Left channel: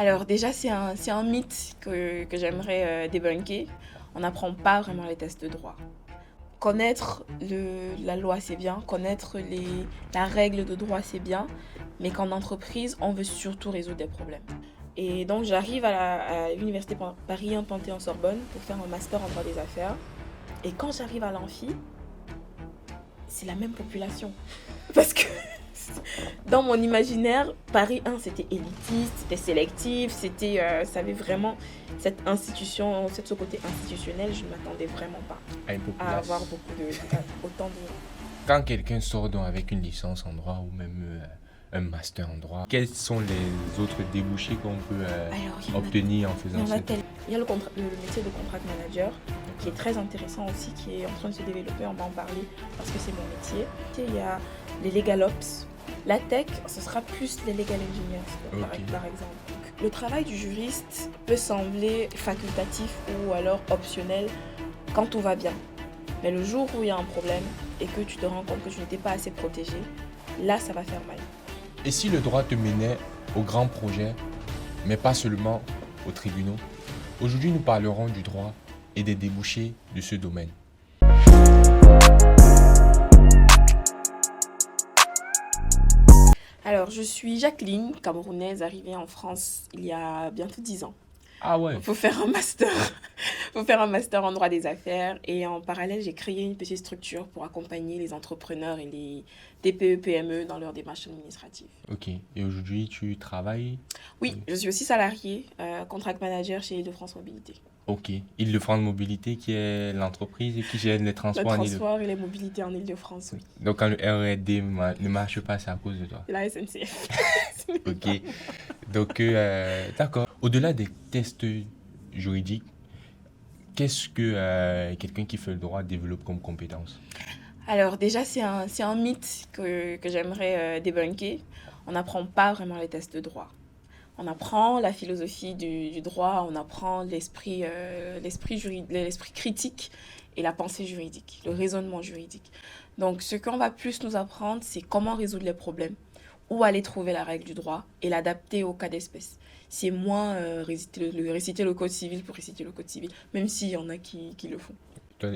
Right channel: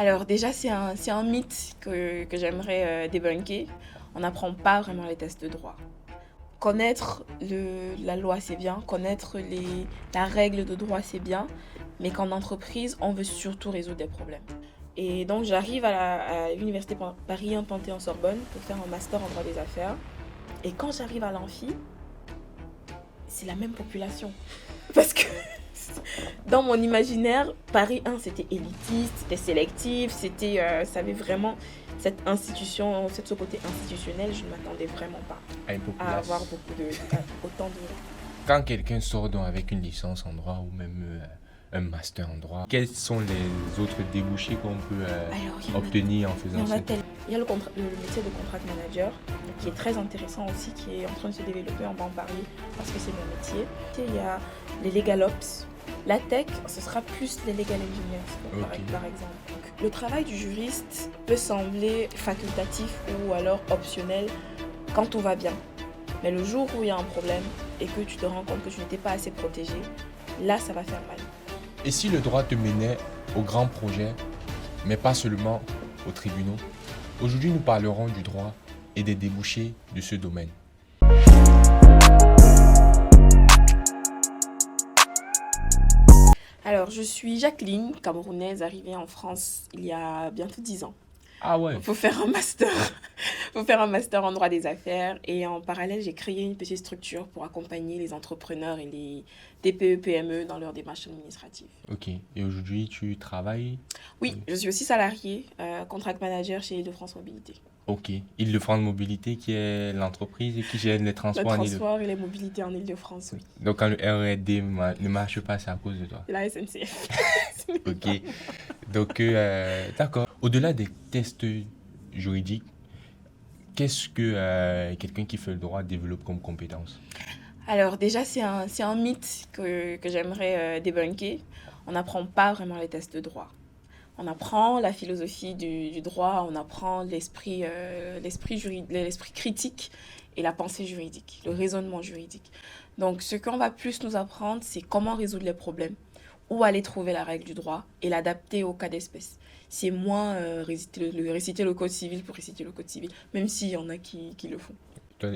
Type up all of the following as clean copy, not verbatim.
Alors déjà, c'est un mythe que j'aimerais débunker. On n'apprend pas vraiment les tests de droit. Connaître la loi, c'est bien. Connaître la règle de droit, c'est bien. Mais qu'en entreprise, on veut surtout résoudre des problèmes. Et donc, j'arrive à l'université Paris 1 Panthéon-Sorbonne pour faire un master en droit des affaires. Et quand j'arrive à l'amphi, c'est la même population. Parce que dans mon imaginaire, Paris 1, c'était élitiste, c'était sélectif, ça avait vraiment cette institution, ce côté institutionnel, je ne m'attendais vraiment pas À une à avoir population. autant de... Quand quelqu'un sort donc avec une licence en droit ou même un master en droit, quels sont les autres débouchés qu'on peut Alors, obtenir en il y faisant en a ça? tellement. Il y a le métier de contract manager, qui est très intéressant aussi, qui est en train de se développer, on va en parler, parce que c'est mon métier. Il y a les legal ops. La tech, ce sera plus les legal engineers, par exemple. Donc, le travail du juriste peut sembler facultatif ou alors optionnel quand tout va bien. Mais le jour où il y a un problème et que tu te rends compte que tu n'étais pas assez protégé, là, ça va faire mal. Et si le droit te menait aux grands projets, mais pas seulement aux tribunaux? Aujourd'hui, nous parlerons du droit et des débouchés de ce domaine. Alors, je suis Jacqueline, camerounaise, arrivée en France il y a bientôt 10 ans. Ah ouais. Faut faire un master. Faut faire un master en droit des affaires. Et en parallèle, j'ai créé une petite structure pour accompagner les entrepreneurs et les TPE-PME dans leurs démarches administratives. Ok. Et aujourd'hui, tu travailles? Oui, je suis aussi salariée, contract manager chez Île-de-France Mobilité. Ok. Île-de-France Mobilité, qui est l'entreprise qui gère les Le transports en Île-de-France. transport et les mobilités en Île-de-France, oui. Donc quand le R&D ne marche pas, c'est à cause de toi. C'est la SNCF. Ok. Donc, d'accord. Au-delà des tests juridiques, qu'est-ce que quelqu'un qui fait le droit développe comme compétence? Alors déjà, c'est un mythe que j'aimerais débunker. On n'apprend pas vraiment les tests de droit. On apprend la philosophie du droit, on apprend l'esprit critique et la pensée juridique, le raisonnement juridique. Donc, ce qu'on va plus nous apprendre, c'est comment résoudre les problèmes, où aller trouver la règle du droit et l'adapter au cas d'espèce. C'est moins réciter le code civil pour réciter le code civil, même s'il y en a qui le font.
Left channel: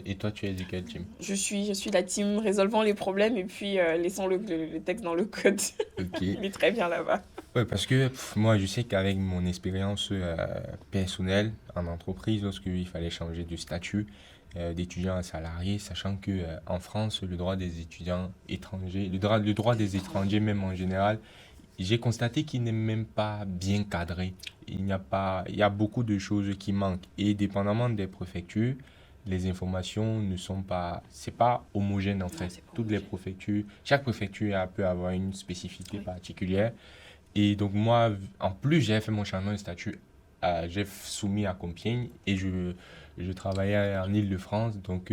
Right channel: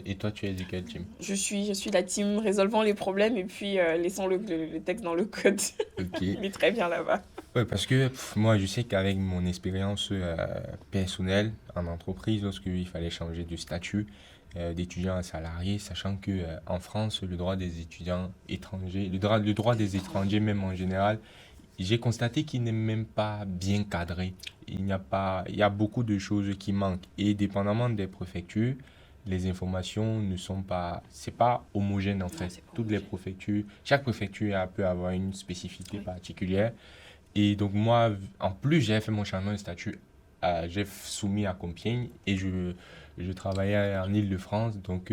Et toi, tu es de quel team? Je suis la team résolvant les problèmes et puis laissons le texte dans le code. Ok. Il est très bien là-bas. Ouais, parce que moi, je sais qu'avec mon expérience personnelle en entreprise, lorsque il fallait changer de statut d'étudiant à salarié, sachant que en France, le droit des étudiants étrangers, le droit des étrangers même en général, j'ai constaté qu'il n'est même pas bien cadré. Il y a beaucoup de choses qui manquent. Et dépendamment des préfectures, les informations ne sont pas, c'est pas homogène en fait. C'est pas Toutes les préfectures, chaque préfecture peut avoir une spécificité Oui. particulière. Et donc moi, en plus, j'ai fait mon changement de statut, j'ai soumis à Compiègne et je travaillais en Île-de-France. Donc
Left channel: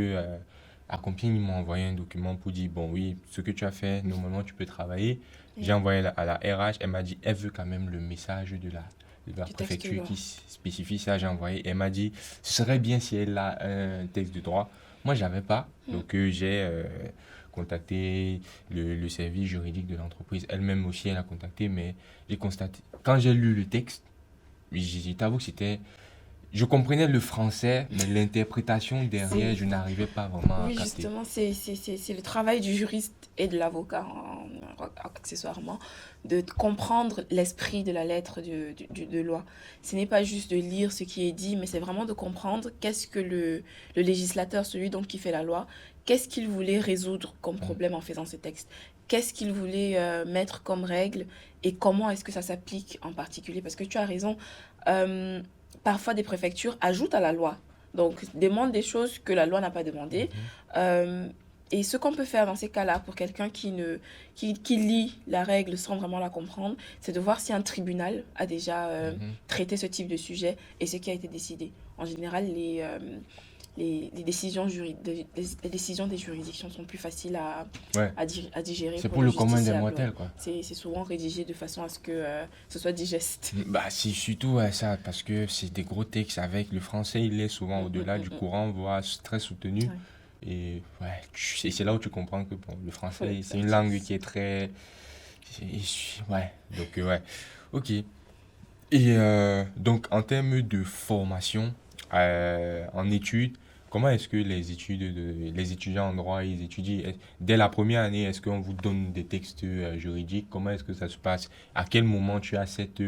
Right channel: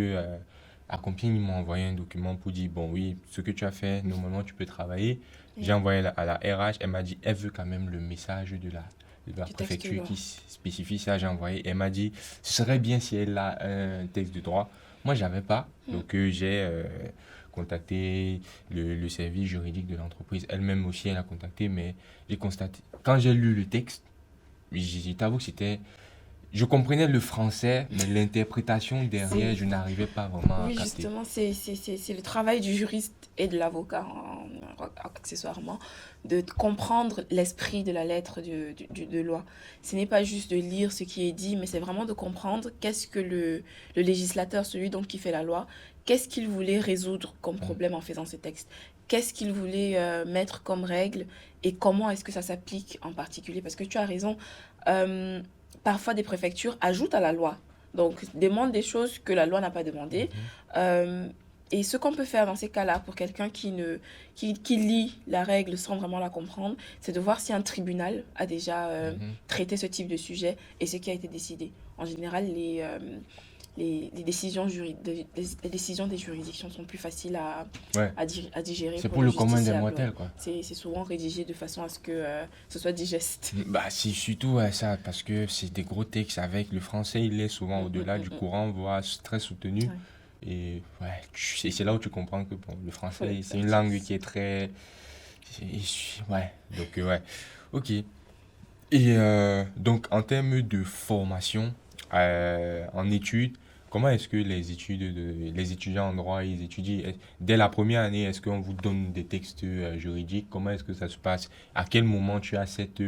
à Compiègne, ils m'ont envoyé un document pour dire, bon oui, ce que tu as fait, normalement tu peux travailler. J'ai Oui. envoyé à la RH, elle m'a dit, elle veut quand même le message de la Du texte de préfecture loi. qui spécifie ça. J'ai envoyé, elle m'a dit, ce serait bien si elle a un texte de droit. Moi, j'avais pas. Donc j'ai contacté le service juridique de l'entreprise. Elle-même aussi, elle a contacté, mais j'ai constaté, quand j'ai lu le texte, je t'avoue que c'était, je comprenais le français, mais l'interprétation derrière, C'est je n'arrivais pas vraiment à Oui, capter. justement, c'est le travail du juriste et de l'avocat, accessoirement, de comprendre l'esprit de la lettre de loi. Ce n'est pas juste de lire ce qui est dit, mais c'est vraiment de comprendre qu'est-ce que le législateur, celui donc qui fait la loi, qu'est-ce qu'il voulait résoudre comme Ouais. problème en faisant ces textes. Qu'est-ce qu'il voulait mettre comme règle et comment est-ce que ça s'applique en particulier. Parce que tu as raison, euh, parfois des préfectures ajoutent à la loi, donc demande des choses que la loi n'a pas demandées. Mhm. Euh, et ce qu'on peut faire dans ces cas-là, pour quelqu'un qui lit la règle sans vraiment la comprendre, c'est de voir si un tribunal a déjà Mhm. traité ce type de sujet et ce qui a été décidé. En général, les décisions des juridictions sont plus faciles Ouais. à digérer C'est pour pour le le commun des justiciable. Ouais. mortels, quoi. C'est souvent rédigé de façon à ce que ce soit digeste. Bah, c'est surtout ça, parce que c'est des gros textes avec le français, il est souvent au-delà du courant, voire très soutenu. Ouais. Et ouais, c'est là où tu comprends que bon, le Faut français, c'est une l'expertise. langue qui est très. Ouais, donc ouais. Ok. Et donc, en termes de formation en études, comment est-ce que les étudiants en droit, ils étudient dès la première année, est-ce qu'on vous donne des textes juridiques? Comment est-ce que ça se passe? À quel moment tu as cette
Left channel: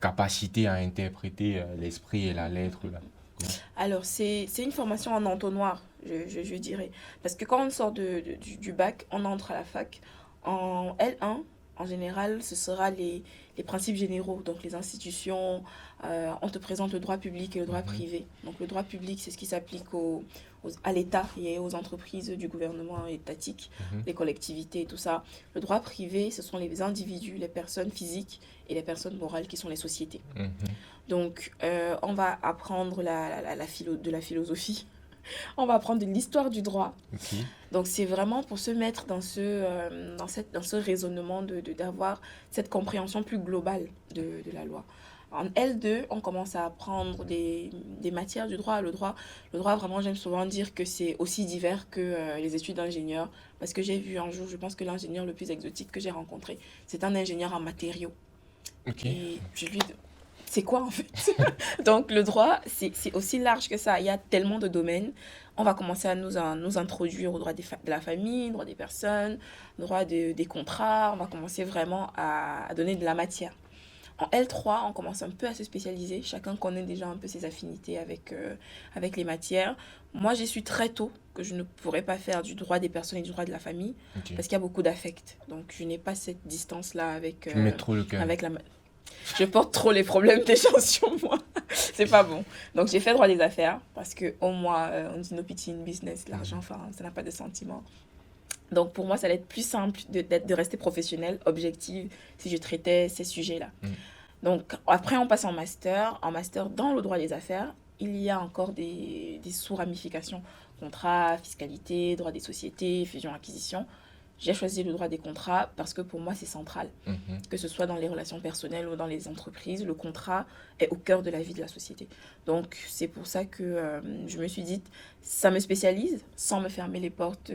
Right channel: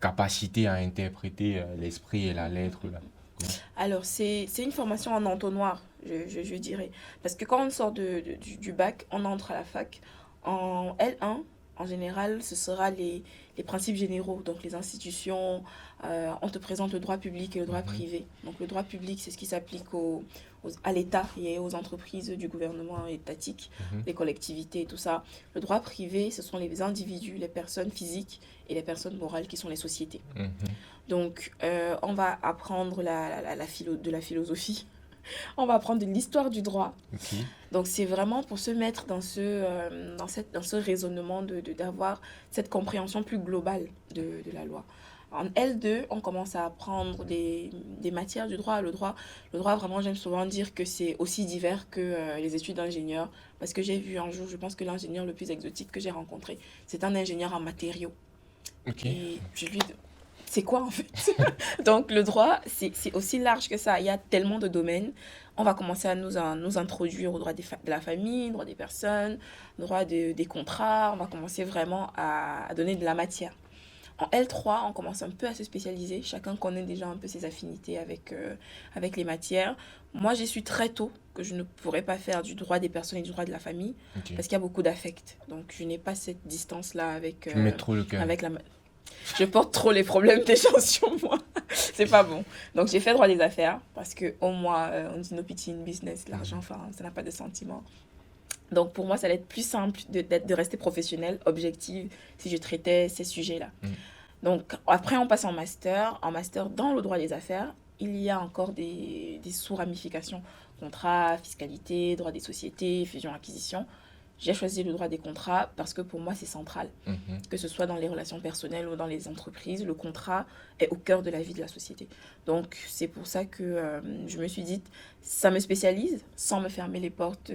capacité à interpréter l'esprit et la lettre là? Comment? Alors, c'est une formation en entonnoir, je dirais. Parce que quand on sort du bac, on entre à la fac. En L1, en général, ce sera les principes généraux, donc les institutions, représentent le droit public et le droit privé. Donc, le droit public, c'est ce qui s'applique à l'État et aux entreprises du gouvernement étatique, les collectivités et tout ça. Le droit privé, ce sont les individus, les personnes physiques et les personnes morales qui sont les sociétés. Mhm. Donc, on va apprendre de la philosophie, on va apprendre de l'histoire du droit. Ok. Donc, c'est vraiment pour se mettre dans ce raisonnement d'avoir cette compréhension plus globale de la loi. En L2, on commence à apprendre des matières du droit. Le droit, vraiment, j'aime souvent dire que c'est aussi divers que les études d'ingénieur. Parce que j'ai vu un jour, je pense que l'ingénieur le plus exotique que j'ai rencontré, c'est un ingénieur en matériaux. Ok. Et je lui c'est quoi en fait? Donc le droit, c'est aussi large que ça. Il y a tellement de domaines. On va commencer à nous introduire au droit de la famille, droit des personnes, droit des contrats. On va commencer vraiment à donner de la matière. En L3, on commence un peu à se spécialiser. Chacun connaît déjà un peu ses affinités avec les matières. Moi, j'ai su très tôt que je ne pourrais pas faire du droit des personnes et du droit de la famille Ok. parce qu'il y a beaucoup d'affect. Donc, je n'ai pas cette distance-là Tu mets trop le cœur. avec la, je porte trop les problèmes des gens sur moi. C'est pas bon. Donc j'ai fait droit des affaires parce que au moins on dit no pity in business, l'argent, enfin ça n'a pas de sentiment. Donc pour moi ça allait être plus simple de rester professionnelle, objective si je traitais ces sujets-là. Mm. Donc après on passe en master. En master dans le droit des affaires, il y a encore des sous-ramifications. Contrat, fiscalité, droit des sociétés, fusion-acquisition. J'ai choisi le droit des contrats parce que pour moi c'est central. Mhm. Que ce soit dans les relations personnelles ou dans les entreprises, le contrat est au cœur de la vie de la société. Donc c'est pour ça que je me suis dit, ça me spécialise sans me fermer les portes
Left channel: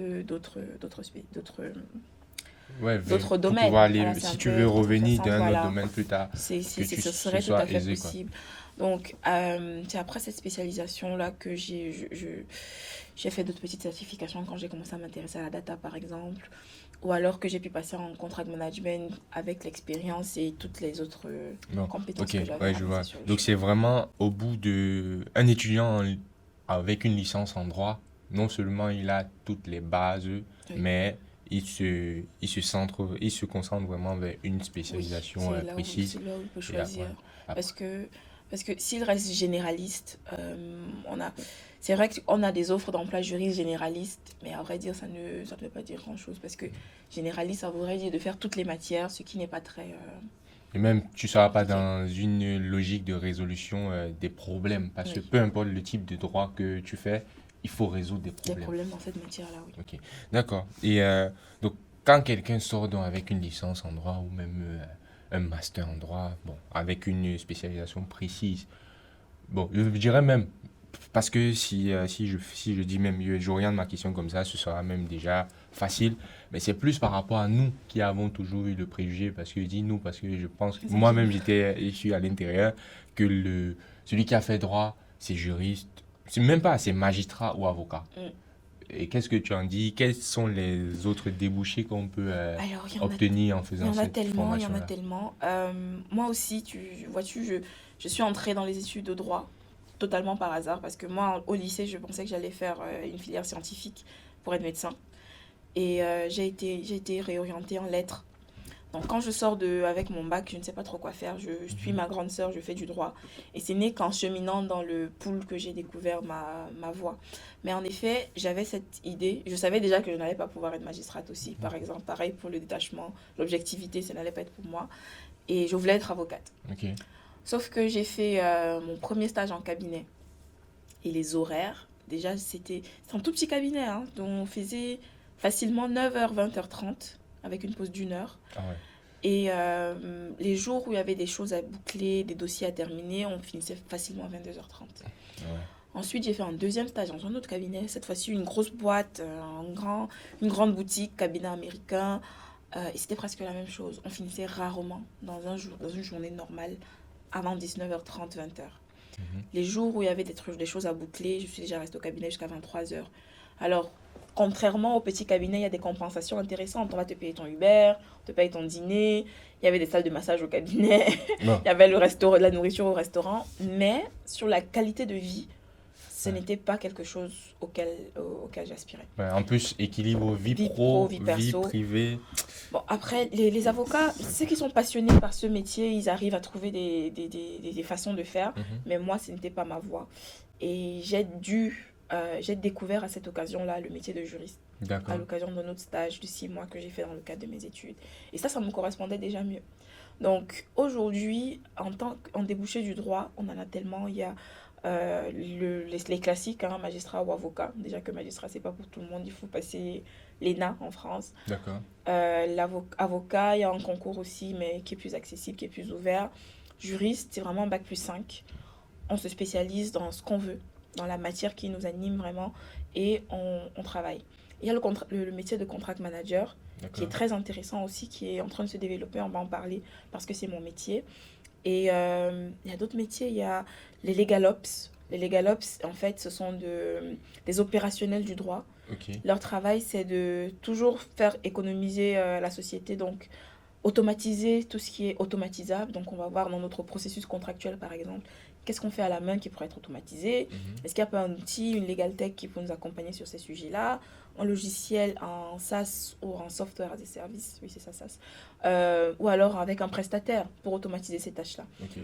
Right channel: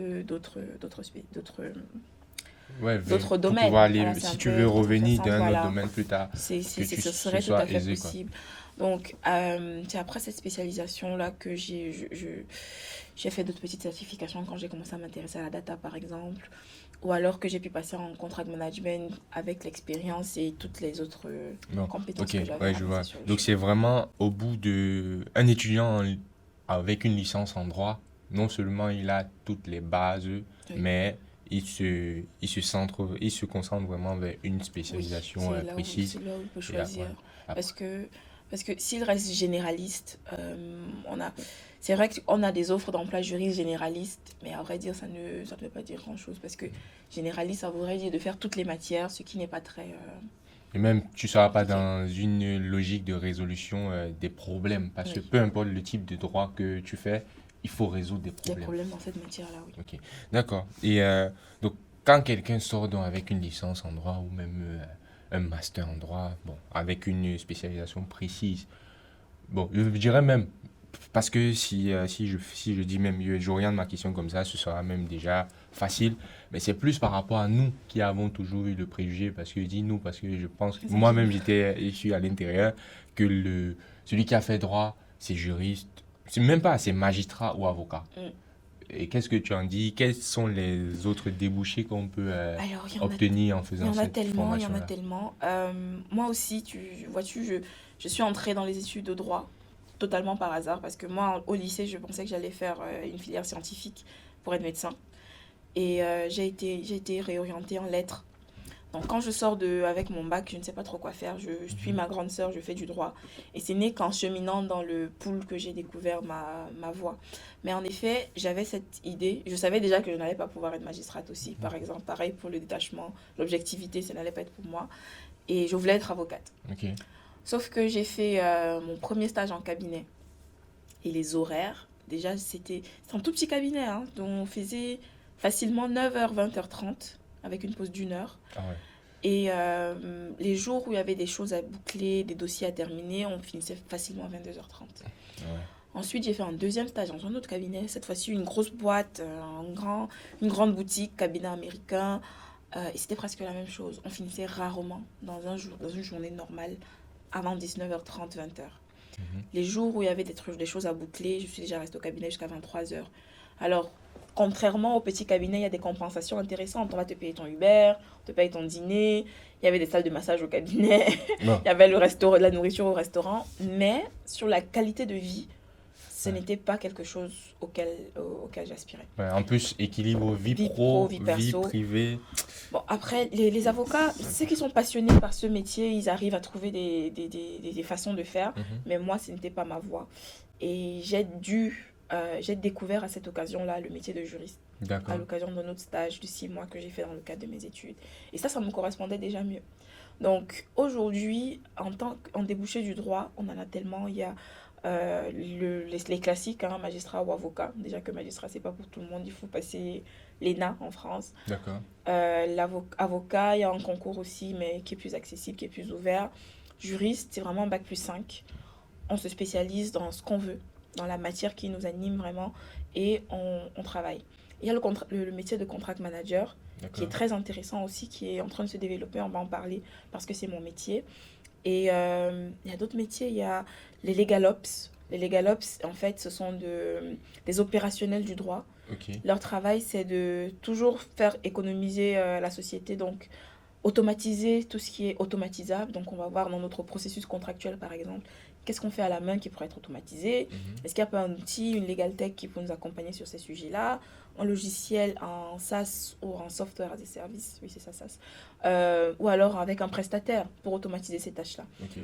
Ouais, d'autres pour domaines. pouvoir aller, Voilà, c'est un si tu peu veux revenir contrefaçon, dans un autre voilà. domaine plus tard, que Ce tu serait tout sois à fait aisé, quoi. possible. Donc, c'est après cette spécialisation-là que j'ai fait d'autres petites certifications quand j'ai commencé à m'intéresser à la data, par exemple. Ou alors que j'ai pu passer en contract management avec l'expérience et toutes les autres Non. compétences Ok, que j'avais ouais, je ramassées vois. sur le Donc chemin. c'est vraiment au bout de... Un étudiant avec une licence en droit, non seulement il a toutes les bases, Oui, mais il se concentre vraiment vers une oui, spécialisation précise. c'est là où il faut Et là, ouais. choisir. Après. Parce que, parce que s'il reste généraliste, c'est vrai qu'on a des offres d'emploi juristes généralistes, mais à vrai dire, ça ne veut pas dire grand-chose. Parce que généraliste, ça voudrait dire de faire toutes les matières, ce qui n'est pas très Et même, tu ne seras pas compliqué. dans une logique de résolution des problèmes, parce que Oui, peu importe le type de droit que tu fais, il faut résoudre des des problèmes. problèmes dans cette matière-là, oui. Ok, d'accord. Et donc, quand quelqu'un sort donc avec une licence en droit ou même un master en droit, bon, avec une spécialisation précise, bon, je dirais même, parce que si je dis même, j'oriente ma question comme ça, ce sera même déjà facile. Mais c'est plus par rapport à nous qui avons toujours eu le préjugé, parce que je dis nous, parce que je pense, Les moi-même étudiants. je suis à l'intérieur, que celui qui a fait droit, c'est juriste, c'est même pas, c'est magistrat ou avocat. Mm. Et qu'est-ce que tu en dis? Quels sont les autres débouchés qu'on peut Alors, obtenir en il y faisant en a cette tellement, il y en a formation-là? tellement. Moi aussi, vois-tu, je suis entrée dans les études de droit totalement par hasard parce que moi, au lycée, je pensais que j'allais faire une filière scientifique pour être médecin. Et j'ai été réorientée en lettres. Donc quand je sors avec mon bac, je ne sais pas trop quoi faire. Je suis ma grande sœur, je fais du droit. Et ce n'est qu'en cheminant dans le pool que j'ai découvert ma voie. Mais en effet, j'avais cette idée. Je savais déjà que je n'allais pas pouvoir être magistrate aussi, par exemple. Pareil pour le détachement, l'objectivité, ça n'allait pas être pour moi. Et je voulais être avocate. Ok. Sauf que j'ai fait mon premier stage en cabinet. Et les horaires, déjà, c'est un tout petit cabinet, hein, dont on faisait facilement 9h, 20h30, avec une pause d'une heure. Ah ouais. Et les jours où il y avait des choses à boucler, des dossiers à terminer, on finissait facilement à 22h30. Ouais. Ensuite, j'ai fait un deuxième stage dans un autre cabinet, cette fois-ci une grosse boîte, une grande boutique, cabinet américain. Et c'était presque la même chose. On finissait rarement dans une journée normale avant 19h30, 20h. Mhm. Les jours où il y avait des choses à boucler, je suis déjà restée au cabinet jusqu'à 23h. Alors, contrairement au petit cabinet, il y a des compensations intéressantes. On va te payer ton Uber, on te paye ton dîner. Il y avait des salles de massage au cabinet. Non. Il y avait le restaurant, la nourriture au restaurant. Mais sur la qualité de vie, ce n'était pas quelque chose auquel j'aspirais. Ouais, en plus, équilibre vie Vie pro, pro, vie vie perso. privée. Bon, après, les avocats, ceux qui sont passionnés par ce métier, ils arrivent à trouver des façons de faire. Mhm. Mais moi, ce n'était pas ma voie. Et j'ai découvert à cette occasion-là le métier de juriste, à D'accord. l'occasion de notre stage de 6 mois que j'ai fait dans le cadre de mes études. Et ça me correspondait déjà mieux. Donc aujourd'hui, en débouché du droit, on en a tellement. Il y a les classiques, hein, magistrat ou avocat. Déjà que magistrat, c'est pas pour tout le monde. Il faut passer l'ENA en France. D'accord. Avocat, il y a un concours aussi, mais qui est plus accessible, qui est plus ouvert. Juriste, c'est vraiment bac+5. On se spécialise dans ce qu'on veut, dans la matière qui nous anime vraiment, et on travaille. Il y a le métier de contract manager, qui est très intéressant aussi, qui est en train de se développer, on va en parler, parce que c'est mon métier. Et il y a d'autres métiers, il y a les legal ops. Les legal ops, en fait, ce sont des opérationnels du droit. Ok. Leur travail, c'est de toujours faire économiser la société, donc automatiser tout ce qui est automatisable. Donc, on va voir dans notre processus contractuel, par exemple, qu'est-ce qu'on fait à la main qui pourrait être automatisé. Mhm. Est-ce qu'il y a pas un outil, une legal tech qui peut nous accompagner sur ces sujets-là, un logiciel en SaaS ou en software as a service, oui, c'est ça, SaaS, ou alors avec un prestataire pour automatiser ces tâches-là. Ok.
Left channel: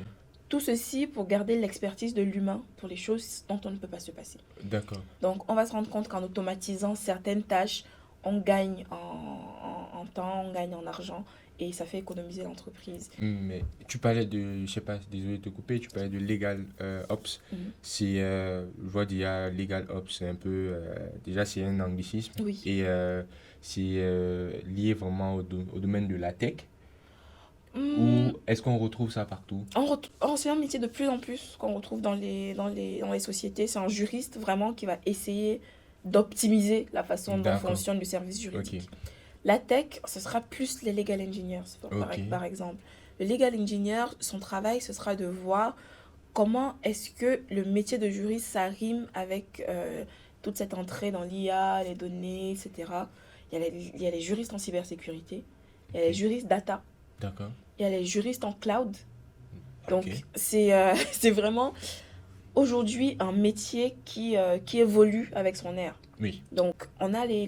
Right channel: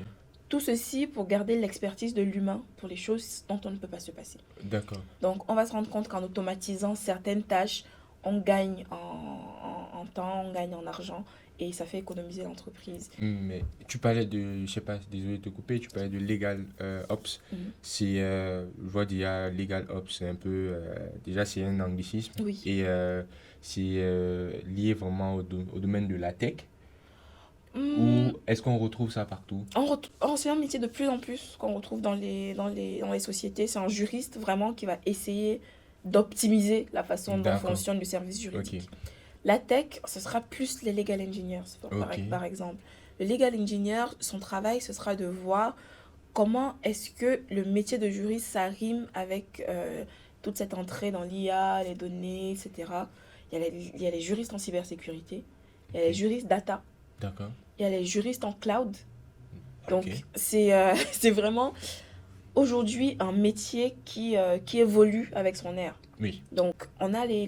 Tout ceci pour garder l'expertise de l'humain pour les choses dont on ne peut pas se passer. D'accord. Donc, on va se rendre compte qu'en automatisant certaines tâches, on gagne en temps, on gagne en argent et ça fait économiser l'entreprise. Mais tu parlais de, je sais pas, désolé de te couper, tu parlais de legal ops. Mhm. C'est, je vois déjà legal ops, c'est un peu, déjà c'est un anglicisme Oui. et c'est lié vraiment au domaine de la tech. Ou est-ce qu'on retrouve ça partout? C'est un métier de plus en plus qu'on retrouve dans les sociétés. C'est un juriste vraiment qui va essayer d'optimiser la façon dont D'accord. fonctionne le service juridique. Ok. La tech, ce sera plus les legal engineers, Ok. par exemple. Le legal engineer, son travail, ce sera de voir comment est-ce que le métier de juriste, ça rime avec toute cette entrée dans l'IA, les données, etc. Il y a les juristes en cybersécurité, il y a les juristes data, D'accord. il y a les juristes en cloud. Donc, Ok. c'est vraiment aujourd'hui un métier qui évolue avec son ère. Oui. Donc, on a les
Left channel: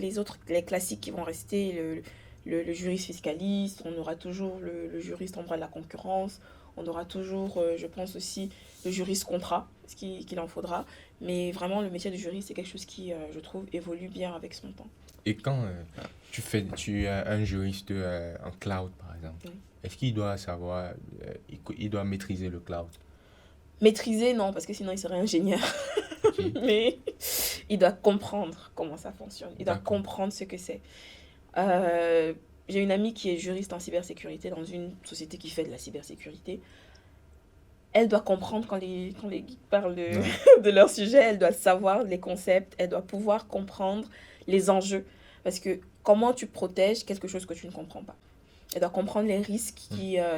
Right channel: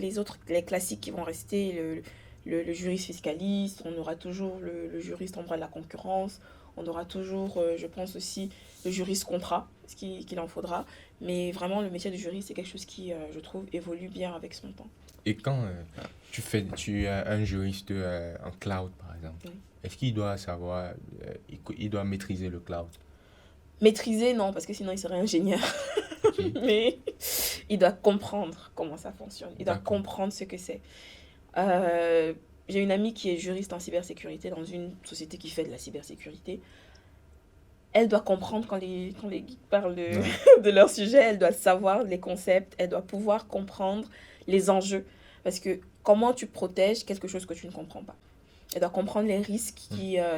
classiques qui vont rester, le juriste fiscaliste, on aura toujours le juriste en droit de la concurrence, on aura toujours, je pense aussi, le juriste contrat, ce qu'il en faudra. Mais vraiment, le métier de juriste, c'est quelque chose qui, je trouve, évolue bien avec son temps. Et quand tu as un juriste en cloud, par exemple, Oui. est-ce qu'il doit savoir, il doit maîtriser le cloud? Maîtriser, non, parce que sinon, il serait ingénieur. Ok. Mais il doit comprendre comment ça fonctionne. Il doit D'accord. comprendre ce que c'est. J'ai une amie qui est juriste en cybersécurité dans une société qui fait de la cybersécurité. Elle doit comprendre quand les geeks parlent de leur sujet. Elle doit savoir les concepts. Elle doit pouvoir comprendre les enjeux. Parce que comment tu protèges quelque chose que tu ne contrôles pas. Elle doit comprendre les risques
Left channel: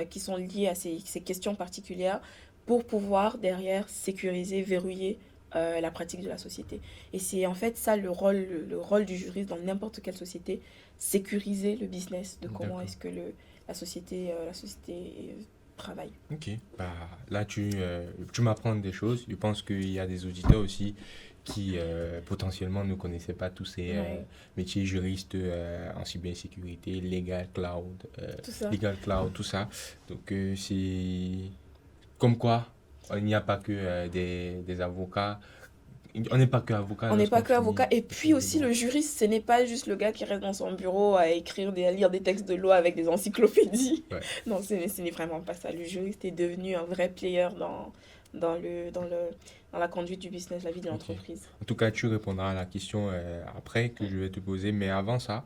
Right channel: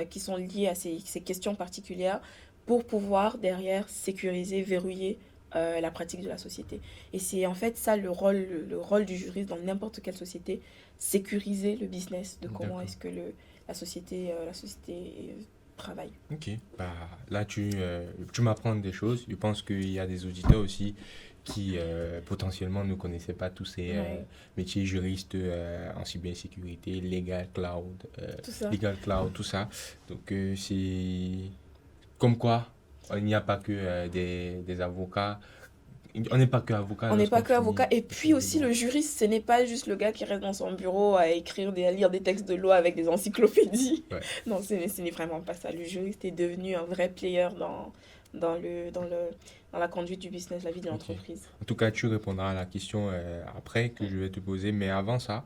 qui sont liés à ces questions particulières pour pouvoir derrière sécuriser, verrouiller la pratique de la société. Et c'est en fait ça le rôle du juriste dans n'importe quelle société, sécuriser le business de comment D'accord. est-ce que la société travaille. Ok. Bah, là, tu m'apprends des choses. Je pense qu'il y a des auditeurs aussi qui potentiellement ne connaissaient pas tous ces métiers juristes en cybersécurité, Tout ça. legal cloud, tout ça. Donc, c'est comme quoi, il n'y a pas que des avocats. On n'est pas que avocat. On n'est pas lorsqu'on que avocat. finit- Et puis aussi, le juriste, ce n'est pas juste le gars qui reste dans son bureau à lire des textes de loi avec des encyclopédies. Ouais. Non, ce n'est vraiment pas ça. Le juriste est devenu un vrai player dans la conduite du business, la vie de Ok. l'entreprise. En tout cas, tu répondras à la question après que je vais te poser. Mais avant ça,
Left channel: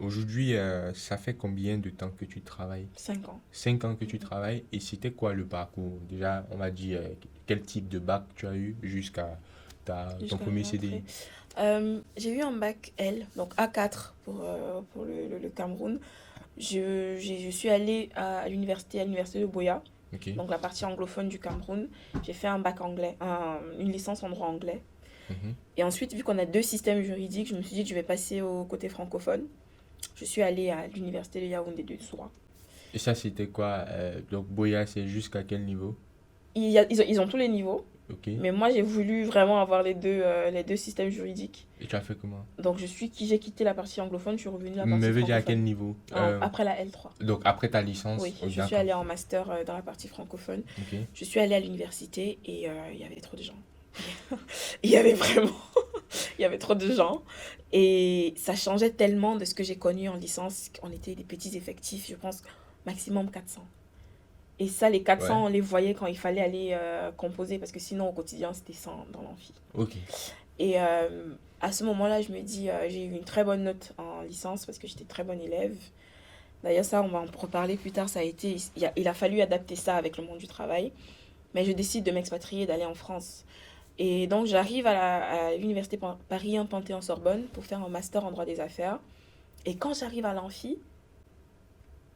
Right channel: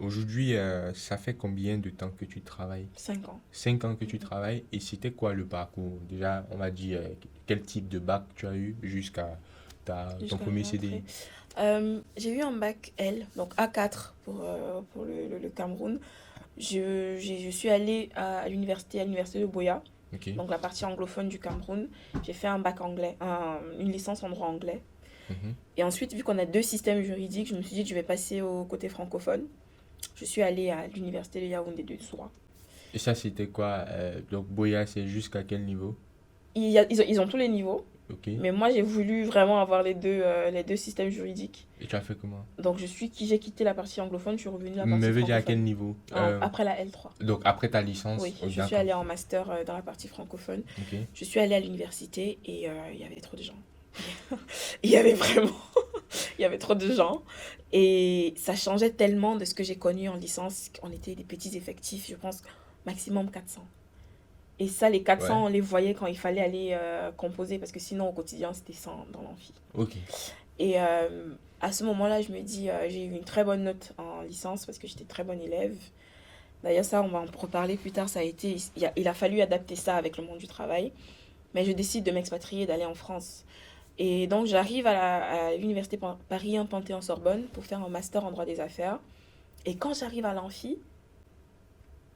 aujourd'hui, ça fait combien de temps que tu travailles? 5 ans. 5 ans que tu travailles. Et c'était quoi le parcours? Déjà, on m'a dit quel type de bac tu as eu jusqu'à ton Jusqu'à premier mon CDI. J'ai eu un bac L, donc A4 pour le Cameroun. Je suis allée à l'université de Boya Ok. donc la partie anglophone du Cameroun. J'ai fait un bac anglais, une licence en droit anglais. Mhm. Et ensuite, vu qu'on a deux systèmes juridiques, je me suis dit que je vais passer au côté francophone. Je suis allée à l'université de Yaoundé de Soura. Et ça, c'était quoi? Donc, Boya, c'est jusqu'à quel niveau? Ils ont tous les niveaux, Ok. mais moi j'ai voulu vraiment avoir les deux systèmes juridiques. Et tu as fait comment? Donc j'ai quitté la partie anglophone, je suis revenue à la partie Mais veux dire à quel francophone. niveau? Après la L3. Donc, après ta licence? Oui, Oh, je suis d'accord. allée en master dans la partie francophone. Ok. Je suis allée à l'université et il y avait trop de gens. Il y avait vraiment, il y avait trop de gens. Et ça changeait tellement de ce que j'ai connu en licence. On était des petits effectifs, je pense, maximum 400. Et ça, les Ouais. 400, on les voyait quand il fallait aller composer, parce que sinon, au quotidien, c'était 100 dans l'amphi. Ok. Et à ce moment-là, je me dis, j'ai eu une très bonne note en licence, parce que j'étais très bonne élève. D'ailleurs, ça, on va en reparler plus tard. Il a fallu adapter ça avec le monde du travail. Mais je décide de m'expatrier, d'aller en France. Et donc, j'arrive à l'université Paris 1 Panthéon-Sorbonne pour faire un master en droit des affaires. Et quand j'arrive à l'amphi,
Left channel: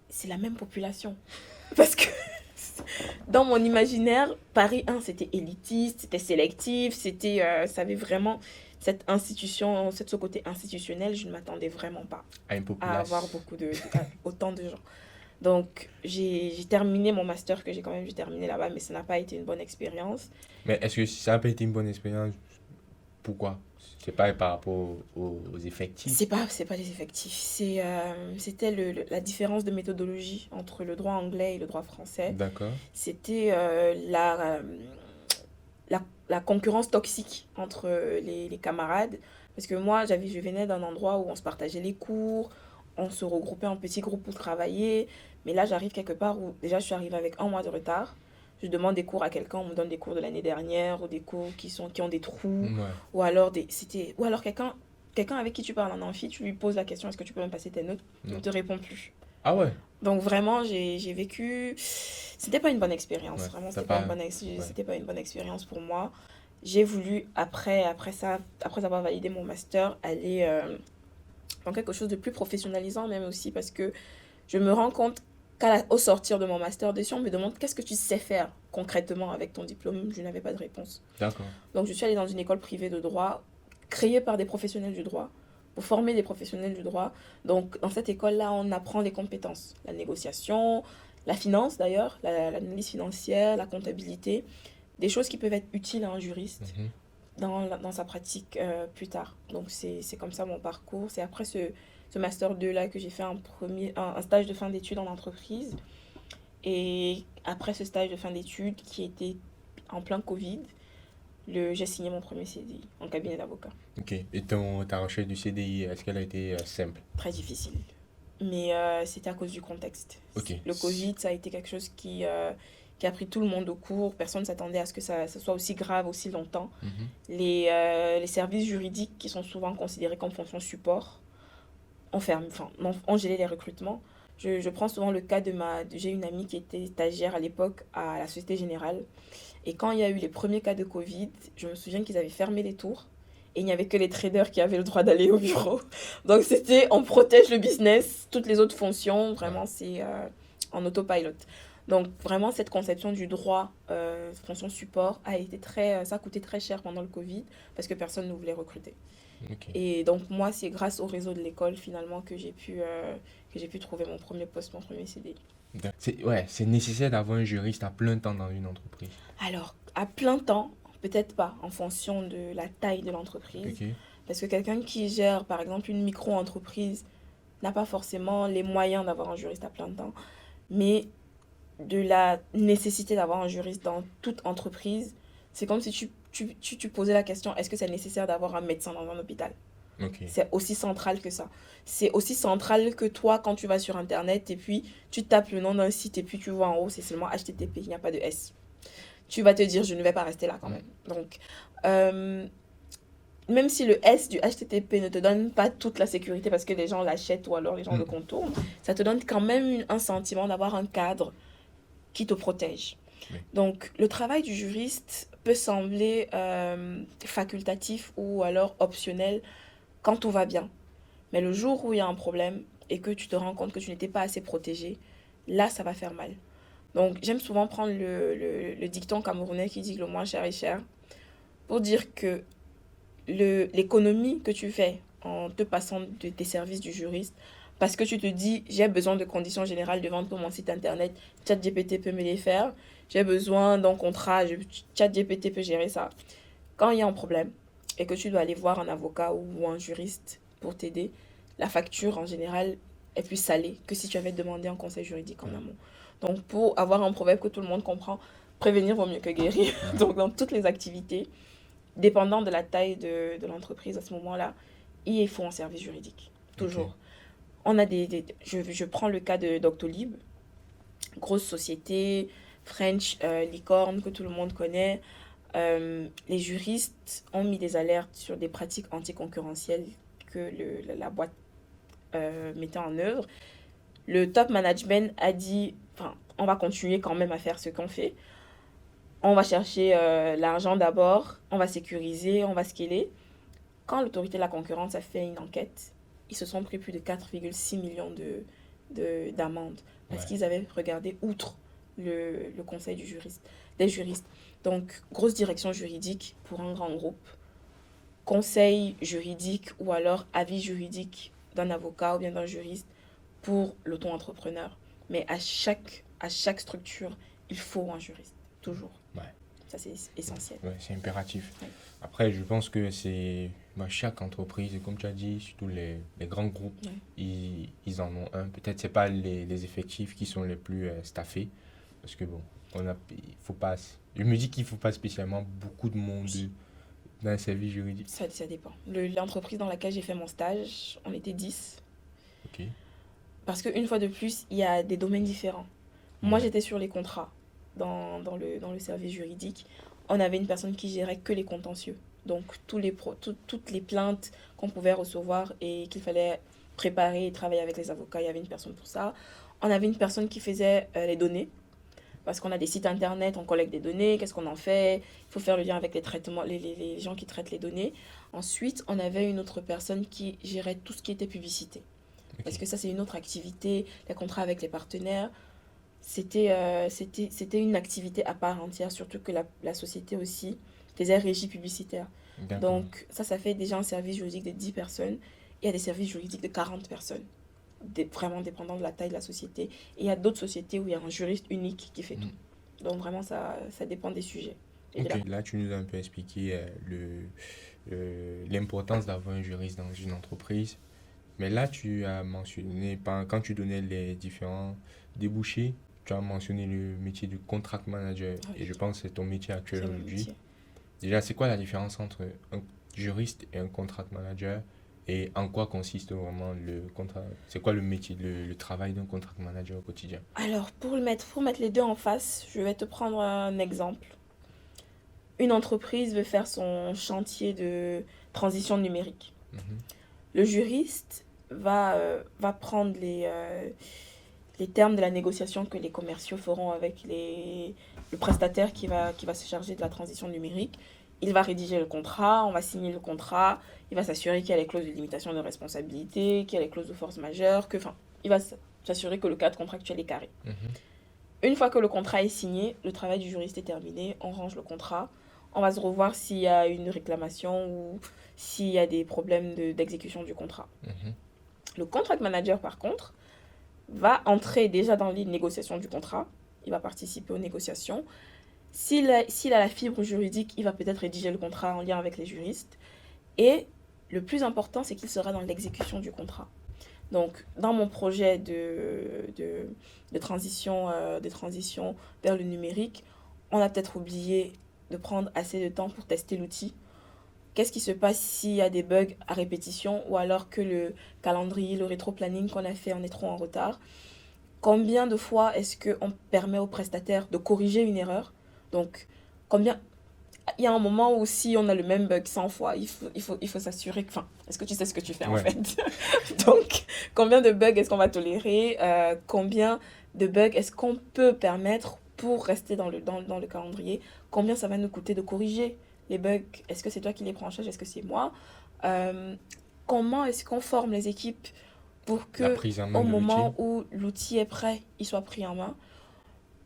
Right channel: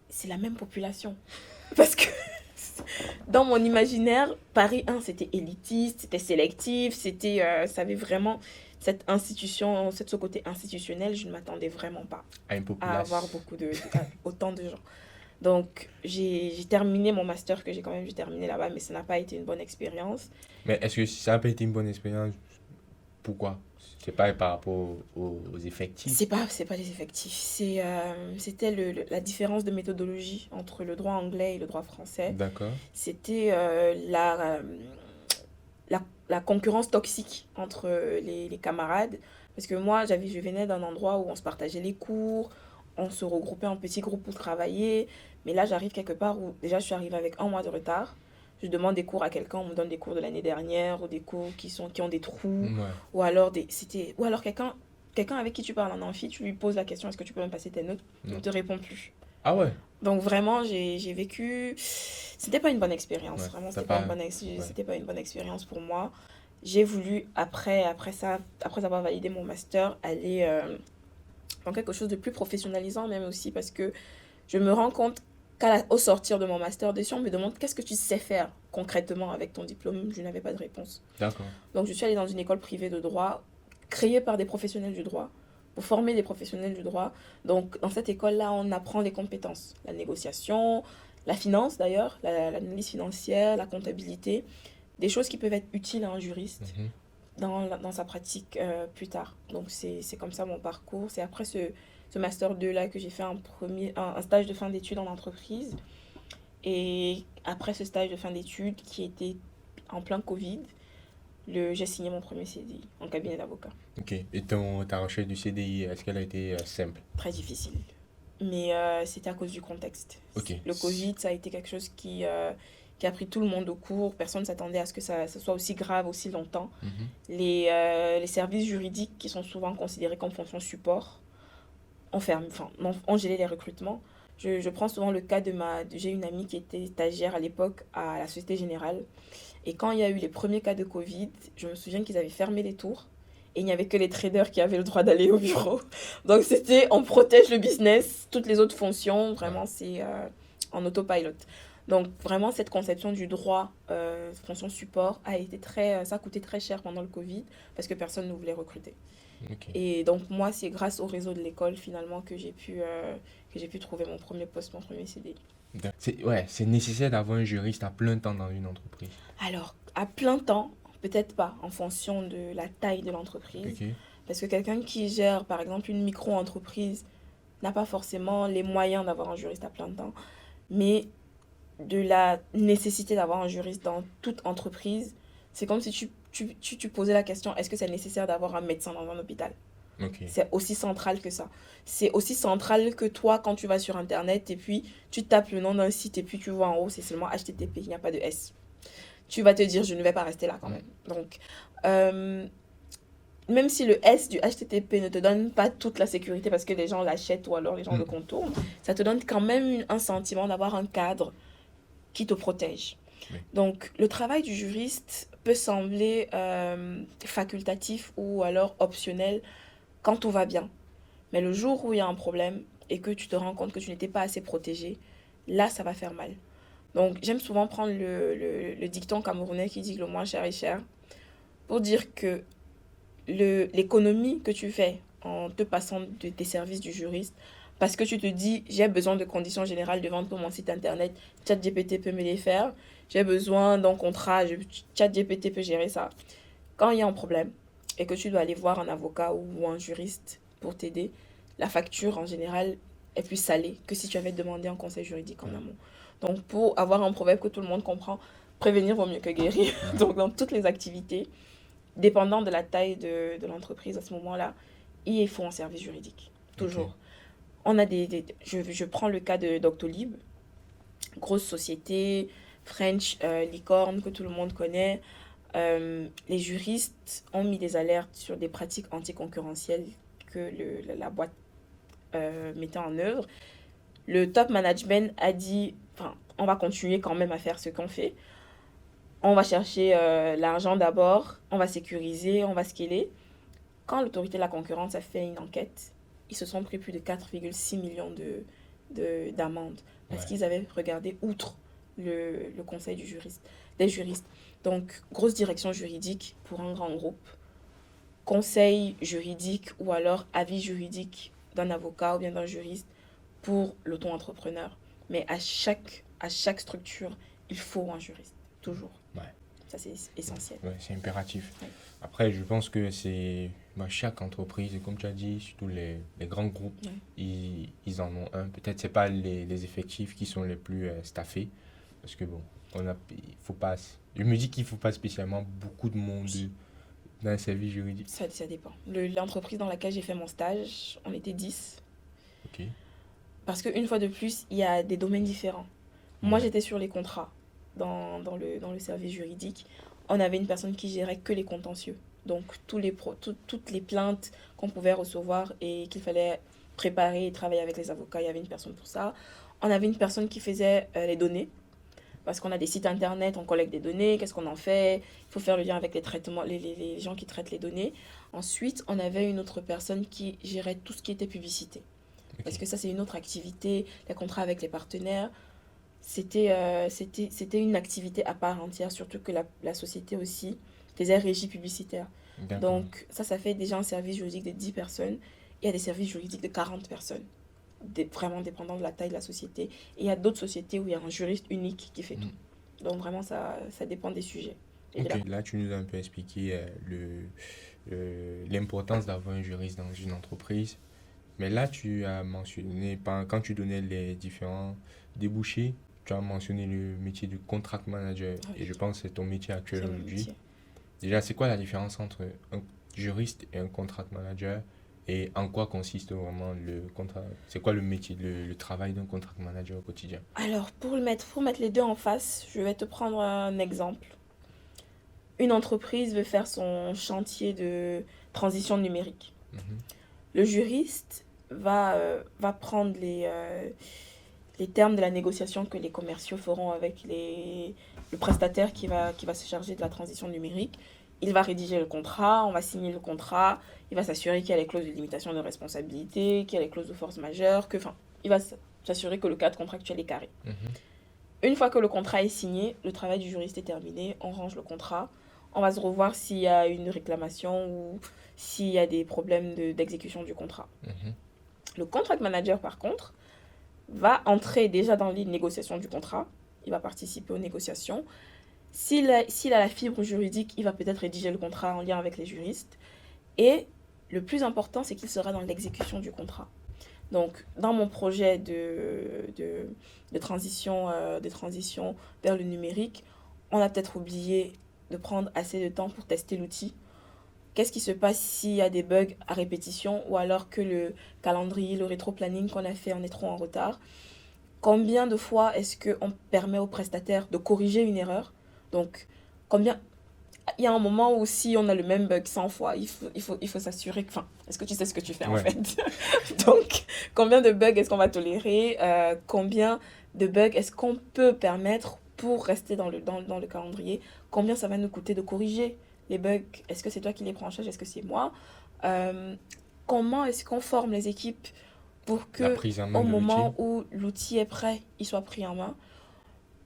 c'est la même population. Parce que dans mon imaginaire, Paris 1, c'était élitiste, c'était sélectif, ça avait vraiment cette institution, ce côté institutionnel, je ne m'attendais vraiment pas À une à avoir population. autant de gens. Donc, j'ai terminé mon master que j'ai quand même dû terminer là-bas, mais ça n'a pas été une bonne expérience. Mais est-ce que ça n'a pas été une bonne expérience? Pourquoi? C'est pas par rapport aux effectifs. C'est pas les effectifs. C'était la différence de méthodologie entre le droit anglais et le droit français. D'accord. C'était la concurrence toxique entre les camarades. Parce que moi, je venais d'un endroit où on se partageait les cours, on se regroupait en petits groupes pour travailler. Mais là, j'arrive quelque part où déjà je suis arrivée avec un mois de retard. Je demande des cours à quelqu'un, on me donne des cours de l'année dernière ou des cours qui ont des trous. Ouais. Ou alors quelqu'un avec qui tu parles en amphi, tu lui poses la question est-ce que tu peux me passer tes notes? Il ne Non. te répond plus. Ah ouais. Donc vraiment, j'ai vécu. C'était pas une bonne expérience. Ouais. Vraiment, T'as pas. Ouais. c'était pas une bonne expérience pour moi. J'ai voulu, après ça, après avoir validé mon master, aller dans quelque chose de plus professionnalisant, même aussi parce que je me rends compte qu'au sortir de mon master, des gens me demandent qu'est-ce que tu sais faire concrètement avec ton diplôme. Je n'avais pas de réponse. D'accord. Donc, je suis allée dans une école privée de droit, créée par des professionnels du droit, pour former des professionnels du droit. Donc, dans cette école-là, on apprend les compétences, la négociation, la finance d'ailleurs, l'analyse financière, la comptabilité, des choses qui peuvent être utiles à un juriste Mhm. dans sa pratique plus tard. Donc, c'est comme ça mon parcours. C'est après ce Master 2 là que j'ai fait un stage de fin d'études en entreprise. Et après ce stage de fin d'études qui était en plein Covid, j'ai signé mon premier CDI en cabinet d'avocat. Ok. Et ta recherche du CDI, est-ce qu'elle a été simple? Très difficile. Mais c'était à cause du contexte. Ok. Le Covid, ça a été quelque chose qui a pris tout le monde au court. Personne ne s'attendait à ce que ce soit aussi grave, aussi longtemps. Mhm. Les services juridiques, qui sont souvent considérés comme fonction support, ont gelé les recrutements. Je prends souvent le cas j'ai une amie qui était stagiaire à l'époque à la Société Générale. Et quand il y a eu les premiers cas de Covid, je me souviens qu'ils avaient fermé les tours. Et il n'y avait que les traders qui avaient le droit d'aller au bureau. Donc c'était, on protège le business, toutes les autres fonctions, vraiment, c'est en autopilot. Donc vraiment, cette conception du droit, fonction support, ça a coûté très cher pendant le Covid, parce que personne ne voulait recruter. Ok. Et donc moi, c'est grâce au réseau de l'école, finalement, que j'ai pu trouver mon premier poste, mon premier CDI. Ouais, c'est nécessaire d'avoir un juriste à plein temps dans une entreprise. Alors, à plein temps, peut-être pas, en fonction de la taille de l'entreprise. Ok. Parce que quelqu'un qui gère, par exemple, une micro-entreprise n'a pas forcément les moyens d'avoir un juriste à plein temps. Mais de la nécessité d'avoir un juriste dans toute entreprise, c'est comme si tu posais la question, est-ce que c'est nécessaire d'avoir un médecin dans un hôpital? Ok. C'est aussi central que ça. C'est aussi central que toi, quand tu vas sur Internet et puis tu tapes le nom d'un site et puis tu vois en haut, c'est seulement HTTP, il n'y a pas de S. Tu vas te dire, je ne vais pas rester là quand même. Donc, même si le S du HTTP ne te donne pas toute la sécurité parce que les gens l'achètent ou alors les gens le contournent, ça te donne quand même un sentiment d'avoir un cadre qui te protège. Oui. Donc, le travail du juriste peut sembler facultatif ou alors optionnel quand tout va bien. Mais le jour où il y a un problème et que tu te rends compte que tu n'étais pas assez protégé, là, ça va faire mal. Donc, j'aime souvent prendre le dicton camerounais qui dit que le moins cher est cher pour dire que l'économie que tu fais en te passant des services du juriste, parce que tu te dis, j'ai besoin de conditions générales de vente pour mon site internet, ChatGPT peut me les faire, j'ai besoin d'un contrat, ChatGPT peut gérer ça. Quand il y a un problème et que tu dois aller voir un avocat ou un juriste pour t'aider, la facture en général est plus salée que si tu avais demandé un conseil juridique en amont. Donc pour avoir un proverbe que tout le monde comprend, prévenir vaut mieux que guérir. Donc dans toutes les activités, dépendant de la taille de l'entreprise à ce moment-là, il faut un service juridique. Toujours. Ok. On a je prends le cas de Doctolib, grosse société, French, licorne que tout le monde connaît. Les juristes ont mis des alertes sur des pratiques anticoncurrentielles que la boîte mettait en œuvre. Le top management a dit, enfin, on va continuer quand même à faire ce qu'on fait. On va chercher l'argent d'abord, on va sécuriser, on va scaler. Quand l'autorité de la concurrence a fait une enquête, ils se sont pris plus de 4,6 millions d'amendes parce Ouais. qu'ils avaient regardé outre le conseil des juristes. Donc, grosse direction juridique pour un grand groupe, conseil juridique ou alors avis juridique d'un avocat ou bien d'un juriste pour l'auto-entrepreneur. Mais à chaque structure, il faut un juriste, toujours. Ouais. Ça, c'est essentiel. Ouais, c'est impératif. Ouais. Après, je pense que c'est chaque entreprise, et comme tu as dit, surtout les grands groupes, Ouais. ils en ont un. Peut-être c'est pas les effectifs qui sont les plus staffés, parce que bon, il faut pas. Je me dis qu'il faut pas spécialement beaucoup de monde dans un service juridique. Ça dépend. L'entreprise dans laquelle j'ai fait mon stage, on était 10. Ok. Parce qu'une fois de plus, il y a des domaines différents. Moi, Mhm. j'étais sur les contrats. Dans le service juridique, on avait une personne qui gérait que les contentieux. Donc, toutes les plaintes qu'on pouvait recevoir et qu'il fallait préparer et travailler avec les avocats, il y avait une personne pour ça. On avait une personne qui faisait les données. Parce qu'on a des sites internet, on collecte des données, qu'est-ce qu'on en fait? Il faut faire le lien avec les traitements, les gens qui traitent les données. Ensuite, on avait une autre personne qui gérait tout ce qui était publicité. Parce Ok. que ça, c'est une autre activité, les contrats avec les partenaires. C'était une activité à part entière, surtout que la société aussi faisait régie publicitaire. D'accord. Donc, ça fait déjà un service juridique de 10 personnes. Il y a des services juridiques de 40 personnes, vraiment dépendant de la taille de la société. Et il y a d'autres sociétés où il y a un juriste unique qui fait tout. Mhm. Donc, vraiment, ça dépend des sujets. Et de Ok, la... là tu nous as un peu expliqué l'importance d'avoir un juriste dans une entreprise. Mais là, tu as mentionné, quand tu donnais les différents débouchés, tu as mentionné le métier de contract manager. Ah Et oui, je pense que c'est ton métier c'est mon actuellement. métier. Déjà, c'est quoi la différence entre un juriste et un contract manager? Et en quoi consiste vraiment le contrat? C'est quoi le métier, le travail d'un contract manager au quotidien? Alors, pour mettre les deux en face, je vais te prendre un exemple. Une entreprise veut faire son chantier de transition numérique. Mhm. Le juriste va prendre les termes de la négociation que les commerciaux feront avec le prestataire qui va se charger de la transition numérique. Il va rédiger le contrat, on va signer le contrat, il va s'assurer qu'il y a les clauses de limitation de responsabilité, qu'il y a les clauses de force majeure, il va s'assurer que le cadre contractuel est carré. Mhm. Une fois que le contrat est signé, le travail du juriste est terminé, on range le contrat, on va se revoir s'il y a une réclamation ou s'il y a des problèmes d'exécution du contrat. Mhm. Le contract manager, par contre, va entrer déjà dans les négociations du contrat, il va participer aux négociations. S'il a la fibre juridique, il va peut-être rédiger le contrat en lien avec les juristes. Et le plus important, c'est qu'il sera dans l'exécution du contrat. Donc, dans mon projet de transition vers le numérique, on a peut-être oublié de prendre assez de temps pour tester l'outil. Qu'est-ce qui se passe s'il y a des bugs à répétition ou alors que le calendrier, le rétro-planning qu'on a fait, on est trop en retard? Combien de fois est-ce qu'on permet au prestataire de corriger une erreur? Donc, combien... Il y a un moment où si on a le même bug 100 fois, il faut s'assurer que... Enfin, est-ce que tu sais ce que tu fais en Ouais. fait? Donc, combien de bugs est-ce qu'on va tolérer? Combien de bugs est-ce qu'on peut permettre pour rester dans le calendrier? Combien ça va nous coûter de corriger les bugs? Est-ce que c'est toi qui les prends en charge? Est-ce que c'est moi? Euh, Comment est-ce qu'on forme les équipes pour La que prise en main au de l'outil. moment où l'outil est prêt, il soit pris en main?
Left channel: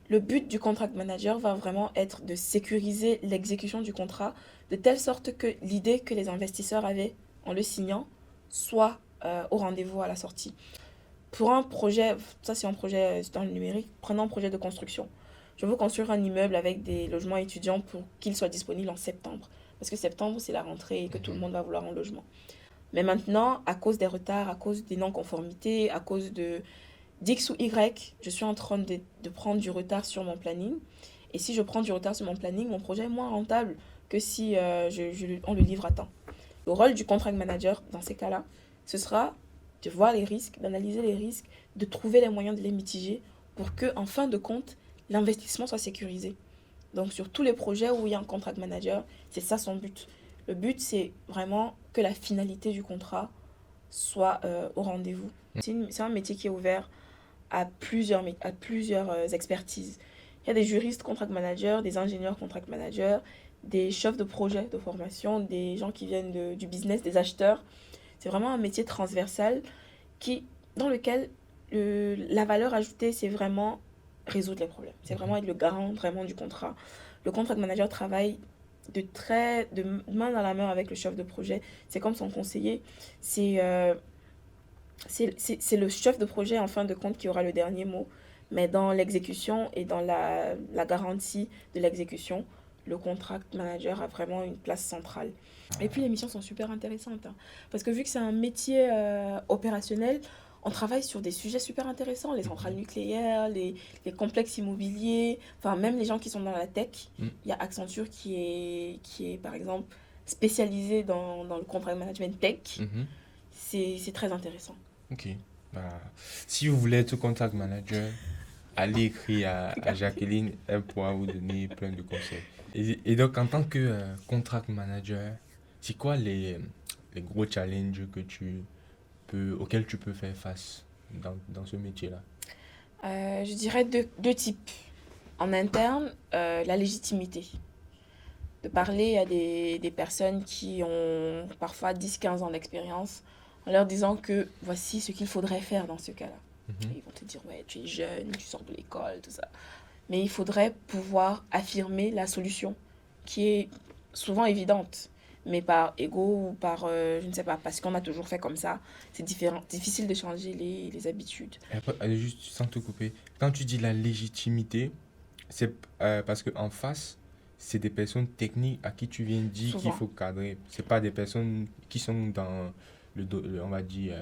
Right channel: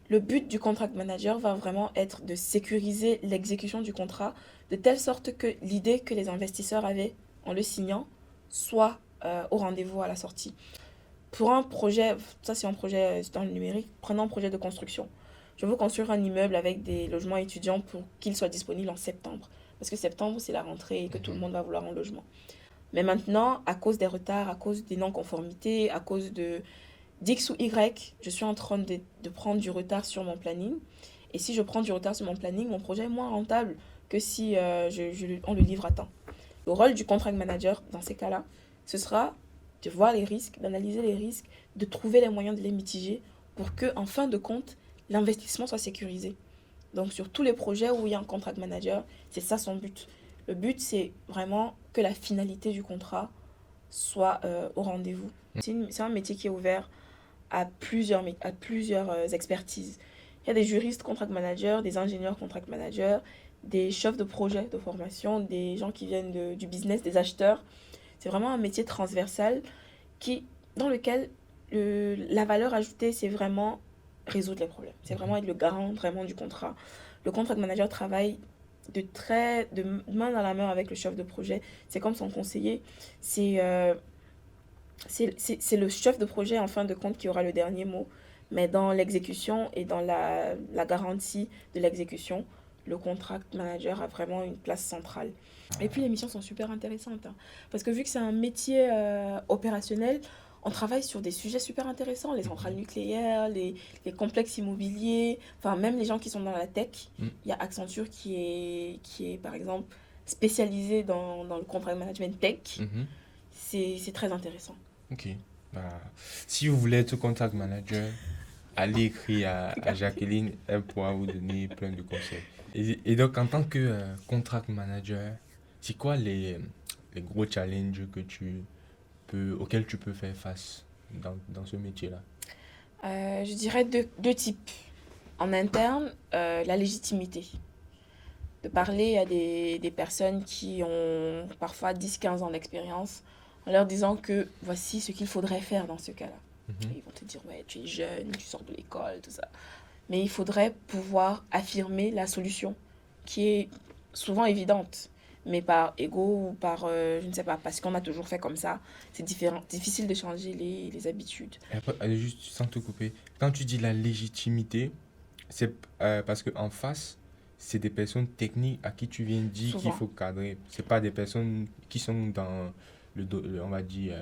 Le but du contract manager va vraiment être de sécuriser l'exécution du contrat de telle sorte que l'idée que les investisseurs avaient en le signant soit au rendez-vous à la sortie. Pour un projet, ça c'est un projet dans le numérique, prenons un projet de construction. Je veux construire un immeuble avec des logements étudiants pour qu'il soit disponible en septembre. Parce que septembre, c'est la rentrée et que tout le monde va vouloir un logement. Mais maintenant, à cause des retards, à cause des non-conformités, à cause de d'X ou Y, je suis en train de prendre du retard sur mon planning. Et si je prends du retard sur mon planning, mon projet est moins rentable que si on le livre à temps. Le rôle du contract manager, dans ces cas-là, ce sera de voir les risques, d'analyser les risques, de trouver les moyens de les mitiger pour que, en fin de compte, l'investissement soit sécurisé. Donc, sur tous les projets où il y a un contract manager, c'est ça son but. Le but, c'est vraiment que la finalité du contrat soit au rendez-vous. C'est un métier qui est ouvert à plusieurs expertises. Il y a des juristes contract managers, des ingénieurs contract managers, des chefs de projet de formation, des gens qui viennent du business, des acheteurs. C'est vraiment un métier transversal dans lequel la valeur ajoutée, c'est vraiment résoudre les problèmes. C'est vraiment être le garant vraiment du contrat. Le contract manager travaille de main dans la main avec le chef de projet. C'est comme son conseiller. C'est le chef de projet, en fin de compte, qui aura le dernier mot. Mais dans l'exécution et dans la garantie de l'exécution, le contract manager a vraiment une place centrale. Et puis les missions sont super intéressantes, hein, parce que vu que c'est un métier opérationnel, on travaille sur des sujets super intéressants, les centrales nucléaires, les complexes immobiliers, enfin même les gens qui sont dans la tech. Il y a Accenture qui est par exemple spécialisé dans le contract management tech. C'est très intéressant. Ok. Si vous voulez être contact manager, allez écrire à Jacqueline, elle pourra vous donner plein de conseils. Et donc, en tant que contract manager, c'est quoi les gros challenges auxquels tu peux faire face dans ce métier-là? Je dirais deux types. En interne, la légitimité. De parler à des personnes qui ont parfois 10-15 ans d'expérience en leur disant que voici ce qu'il faudrait faire dans ce cas-là. Ils vont te dire, ouais, tu es jeune, tu sors de l'école, tout ça. Mais il faudrait pouvoir affirmer la solution qui est souvent évidente. Mais par ego ou par, je ne sais pas, parce qu'on a toujours fait comme ça, c'est difficile de changer les habitudes. Allez, juste sans te couper, quand tu dis la légitimité, c'est parce qu'en face, c'est des personnes techniques à qui tu viens de dire qu'il Souvent. faut cadrer. C'est pas des personnes qui sont dans on va dire,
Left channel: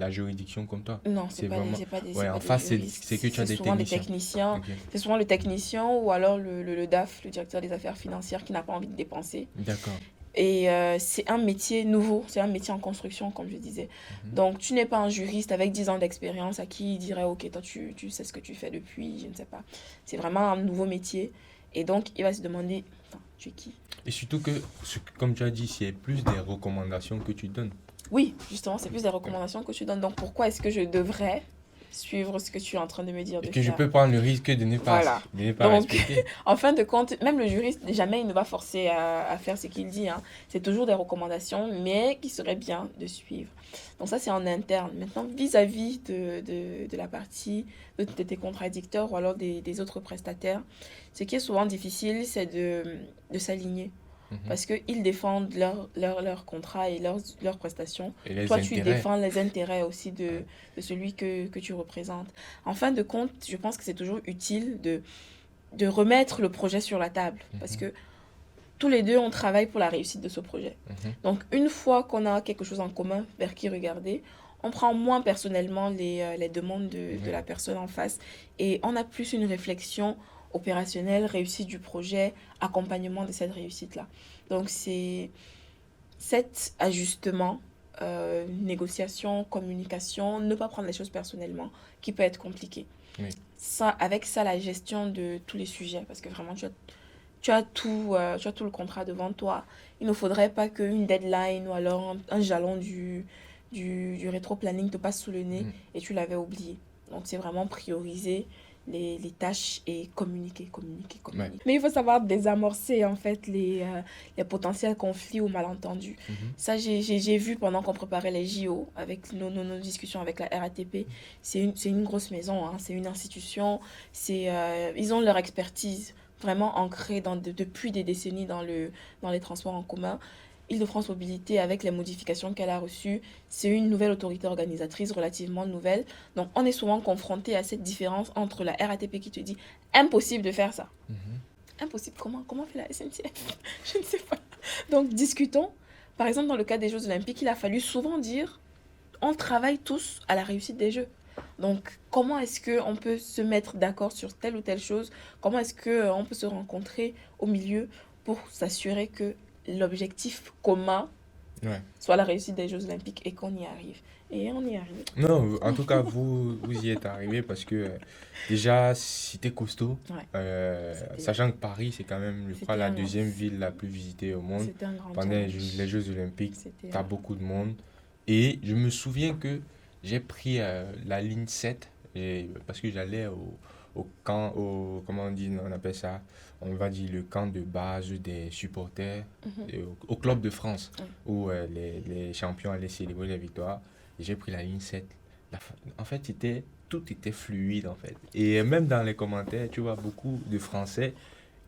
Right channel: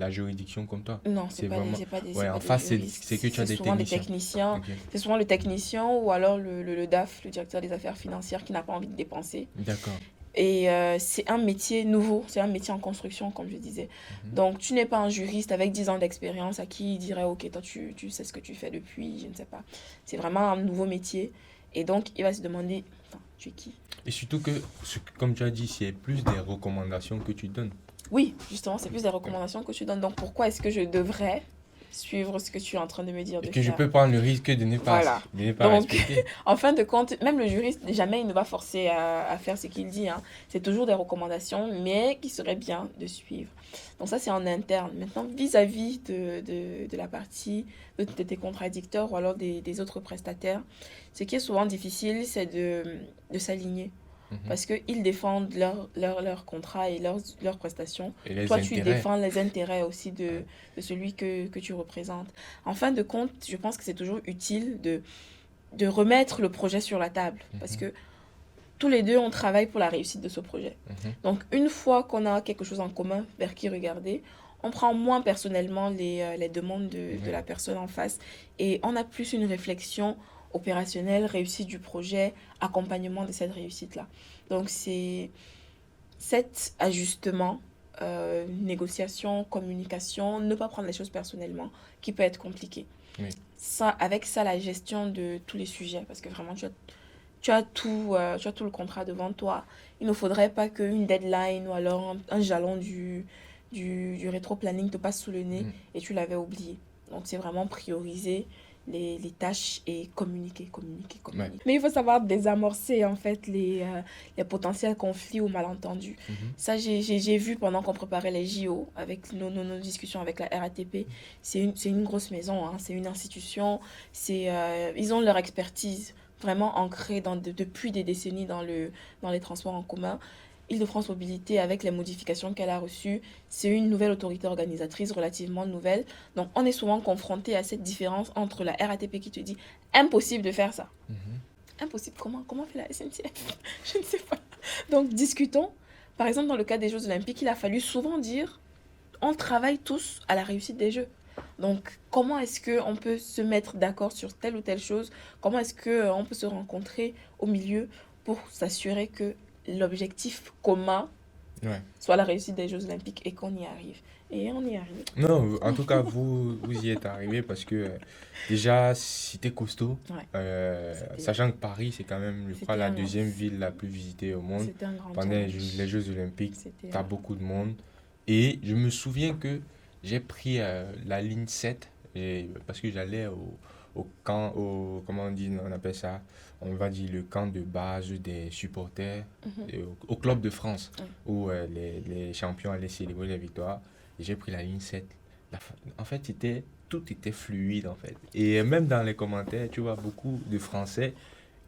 la juridiction comptable. Non, c'est pas des, Ouais, c'est pas en des face, juristes. c'est que tu as C'est des souvent les techniciens. techniciens. Ok. C'est souvent le technicien ou alors le DAF, le directeur des affaires financières qui n'a pas envie de dépenser. D'accord. Et c'est un métier nouveau, c'est un métier en construction, comme je disais. Donc, tu n'es pas un juriste avec 10 ans d'expérience à qui il dirait, ok, toi, tu sais ce que tu fais depuis, je ne sais pas. C'est vraiment un nouveau métier. Et donc, il va se demander, attends, tu es qui? Et surtout que, comme tu as dit, c'est plus des recommandations que tu donnes. Oui, justement, c'est plus des recommandations que tu donnes. Donc, pourquoi est-ce que je devrais suivre ce que tu es en train de me dire de Et que je faire? peux prendre le risque de ne pas, Voilà. de ne pas Donc, respecter. en fin de compte, même le juriste, jamais il ne va forcer à faire ce qu'il dit, hein. C'est toujours des recommandations, mais qui seraient bien de suivre. Donc ça, c'est en interne. Maintenant, vis-à-vis de la partie de tes contradicteurs ou alors des autres prestataires, ce qui est souvent difficile, c'est de s'aligner. Parce qu'ils défendent leur contrat et leurs prestations. Et les Toi, tu intérêts. défends les intérêts aussi de celui que tu représentes. En fin de compte, je pense que c'est toujours utile de remettre le projet sur la table. Parce que tous les deux, on travaille pour la réussite de ce projet. Donc, une fois qu'on a quelque chose en commun vers qui regarder, on prend moins personnellement les demandes de la personne en face. Et on a plus une réflexion opérationnelle, réussite du projet, accompagnement de cette réussite-là. Donc, c'est cet ajustement, négociation, communication, ne pas prendre les choses personnellement, qui peut être compliqué. Oui. Ça, avec ça, la gestion de tous les sujets, parce que vraiment, tu as tout le contrat devant toi. Il ne faudrait pas qu'une deadline ou alors un jalon du rétro-planning te passe sous le nez et tu l'avais oublié. Donc, c'est vraiment prioriser les tâches et communiquer. Ouais. Mais il faut savoir désamorcer en fait les potentiels conflits ou malentendus. Ça, j'ai vu pendant qu'on préparait les JO avec nos discussions avec la RATP. C'est une grosse maison, hein, c'est une institution. Ils ont leur expertise vraiment ancrée depuis des décennies dans les transports en commun. Île-de-France Mobilité, avec les modifications qu'elle a reçues, c'est une nouvelle autorité organisatrice relativement nouvelle. Donc, on est souvent confronté à cette différence entre la RATP qui te dit impossible de faire ça. Impossible, comment fait la SNCF? Je ne sais pas. Donc, discutons. Par exemple, dans le cas des Jeux Olympiques, il a fallu souvent dire on travaille tous à la réussite des Jeux. Donc, comment est-ce qu'on peut se mettre d'accord sur telle ou telle chose? Comment est-ce qu'on peut se rencontrer au milieu pour s'assurer que l'objectif commun Ouais. soit la réussite des Jeux Olympiques et qu'on y arrive. Et on y arrive. Non, en tout cas, vous y êtes arrivé parce que déjà, c'était costaud. Ouais. C'était Sachant que Paris, c'est quand même, je crois, C'était la un- deuxième ville la plus visitée au monde. c'était un grand Pendant tournoi. les Jeux Olympiques, C'était t'as beaucoup de monde. Et je me souviens que j'ai pris la ligne 7 parce que j'allais au camp, comment on appelle ça? On va dire le camp de base des supporters au Club de France, Ouais. où les champions allaient célébrer les victoires. Et j'ai pris la ligne 7. En fait, tout était fluide, en fait. Et même dans les commentaires, tu vois beaucoup de Français,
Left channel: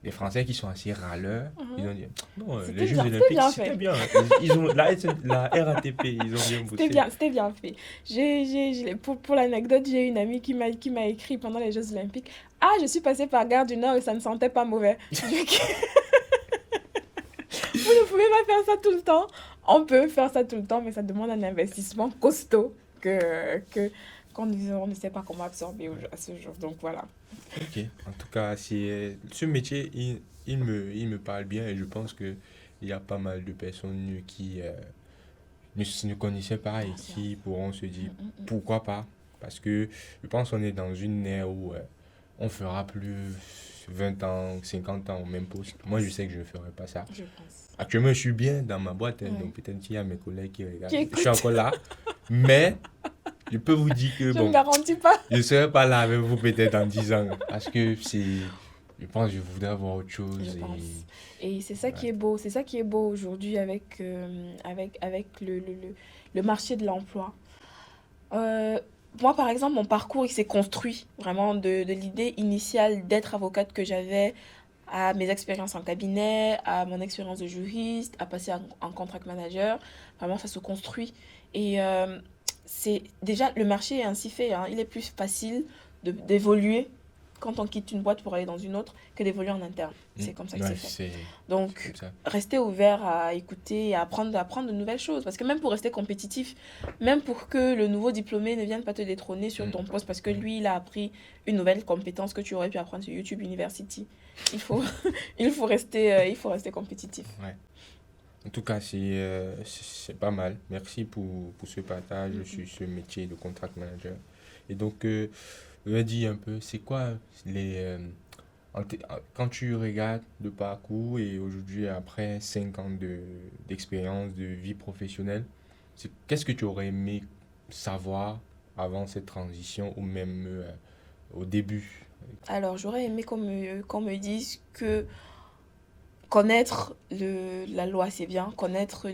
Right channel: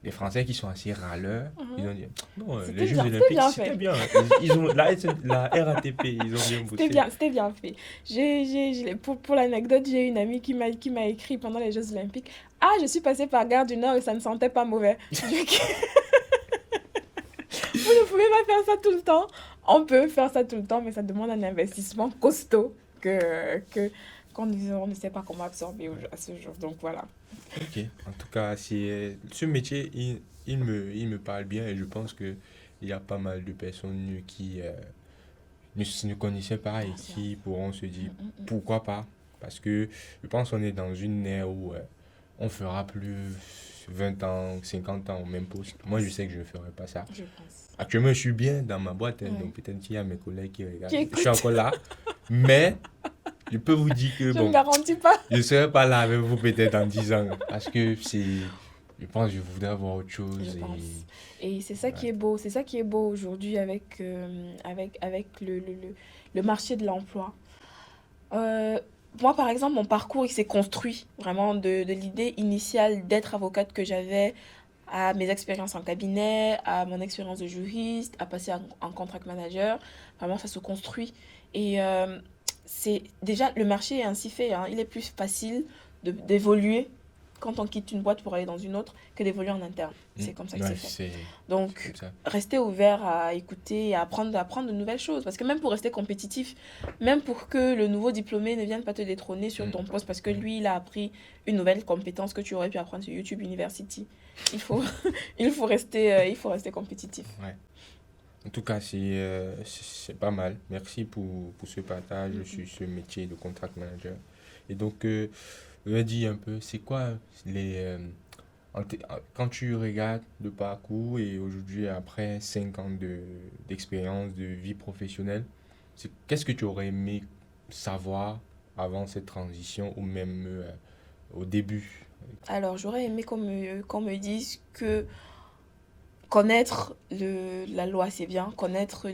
les Français qui sont assez râleurs, ils ont dit, non, les Jeux Olympiques, c'était bien. Ils ont, la RATP, ils ont bien bossé. C'était bien fait. Pour l'anecdote, j'ai une amie qui m'a écrit pendant les Jeux Olympiques. Ah, je suis passée par Gare du Nord et ça ne sentait pas mauvais. Vous ne pouvez pas faire ça tout le temps. On peut faire ça tout le temps, mais ça demande un investissement costaud qu'on ne sait pas comment absorber à ce jour. Donc voilà. Ok, en tout cas, ce métier, il me parle bien et je pense qu'il y a pas mal de personnes qui ne connaissaient pas et qui pourront se dire pourquoi pas. Parce que je pense qu'on est dans une ère où on fera plus 20 ans, 50 ans au même poste. Moi, je sais que je ne ferai pas ça. Je pense. Actuellement, je suis bien dans ma boîte, hein, Ouais. donc peut-être qu'il y a mes collègues qui regardent. Qui Je écoutent. suis encore là, mais je peux vous dire que Je ne bon, garantis pas. je ne serai pas là avec vous peut-être dans 10 ans. Parce que je pense que je voudrais voir autre chose. Je pense. Et c'est ça qui est beau. C'est ça qui est beau aujourd'hui avec le marché de l'emploi. Moi, par exemple, mon parcours, il s'est construit vraiment de l'idée initiale d'être avocate que j'avais à mes expériences en cabinet, à mon expérience de juriste, à passer en contract manager. Vraiment, ça se construit. Et c'est déjà, le marché est ainsi fait, hein. Il est plus facile d'évoluer quand on quitte une boîte pour aller dans une autre que d'évoluer en interne. C'est comme ça que Ouais, c'est fait. c'est Donc, comme ça. rester ouvert à écouter et à apprendre de nouvelles choses. Parce que même pour rester compétitif, même pour que le nouveau diplômé ne vienne pas te détrôner sur ton poste parce que lui, il a appris une nouvelle compétence que tu aurais pu apprendre sur YouTube University. Il faut, il faut rester compétitif. Ouais. En tout cas, c'est pas mal. Merci pour ce partage sur ce métier de contract manager. Et donc, je vais dire un peu, c'est quoi quand tu regardes le parcours et aujourd'hui, après 5 ans d'expérience, de vie professionnelle, qu'est-ce que tu aurais aimé savoir avant cette transition ou même au début? Alors, j'aurais aimé qu'on me dise que connaître la loi, c'est bien, connaître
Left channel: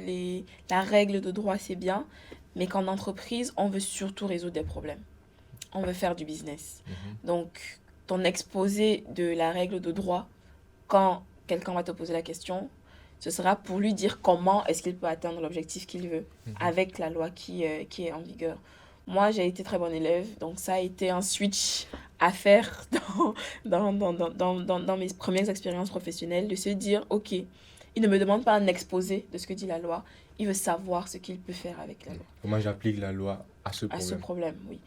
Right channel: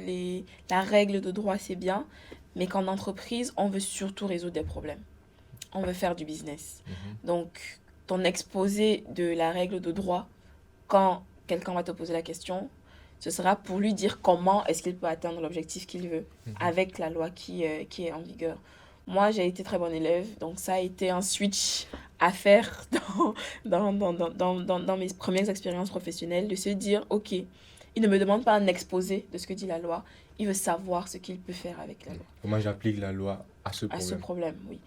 la règle de droit, c'est bien, mais qu'en entreprise, on veut surtout résoudre des problèmes. On veut faire du business. Donc, ton exposé de la règle de droit, quand quelqu'un va te poser la question, ce sera pour lui dire comment est-ce qu'il peut atteindre l'objectif qu'il veut avec la loi qui est en vigueur. Moi, j'ai été très bonne élève, donc ça a été un switch à faire dans mes premières expériences professionnelles, de se dire, ok, il ne me demande pas un exposé de ce que dit la loi, il veut savoir ce qu'il peut faire avec la loi. Comment j'applique la loi à ce À ce problème? problème, oui.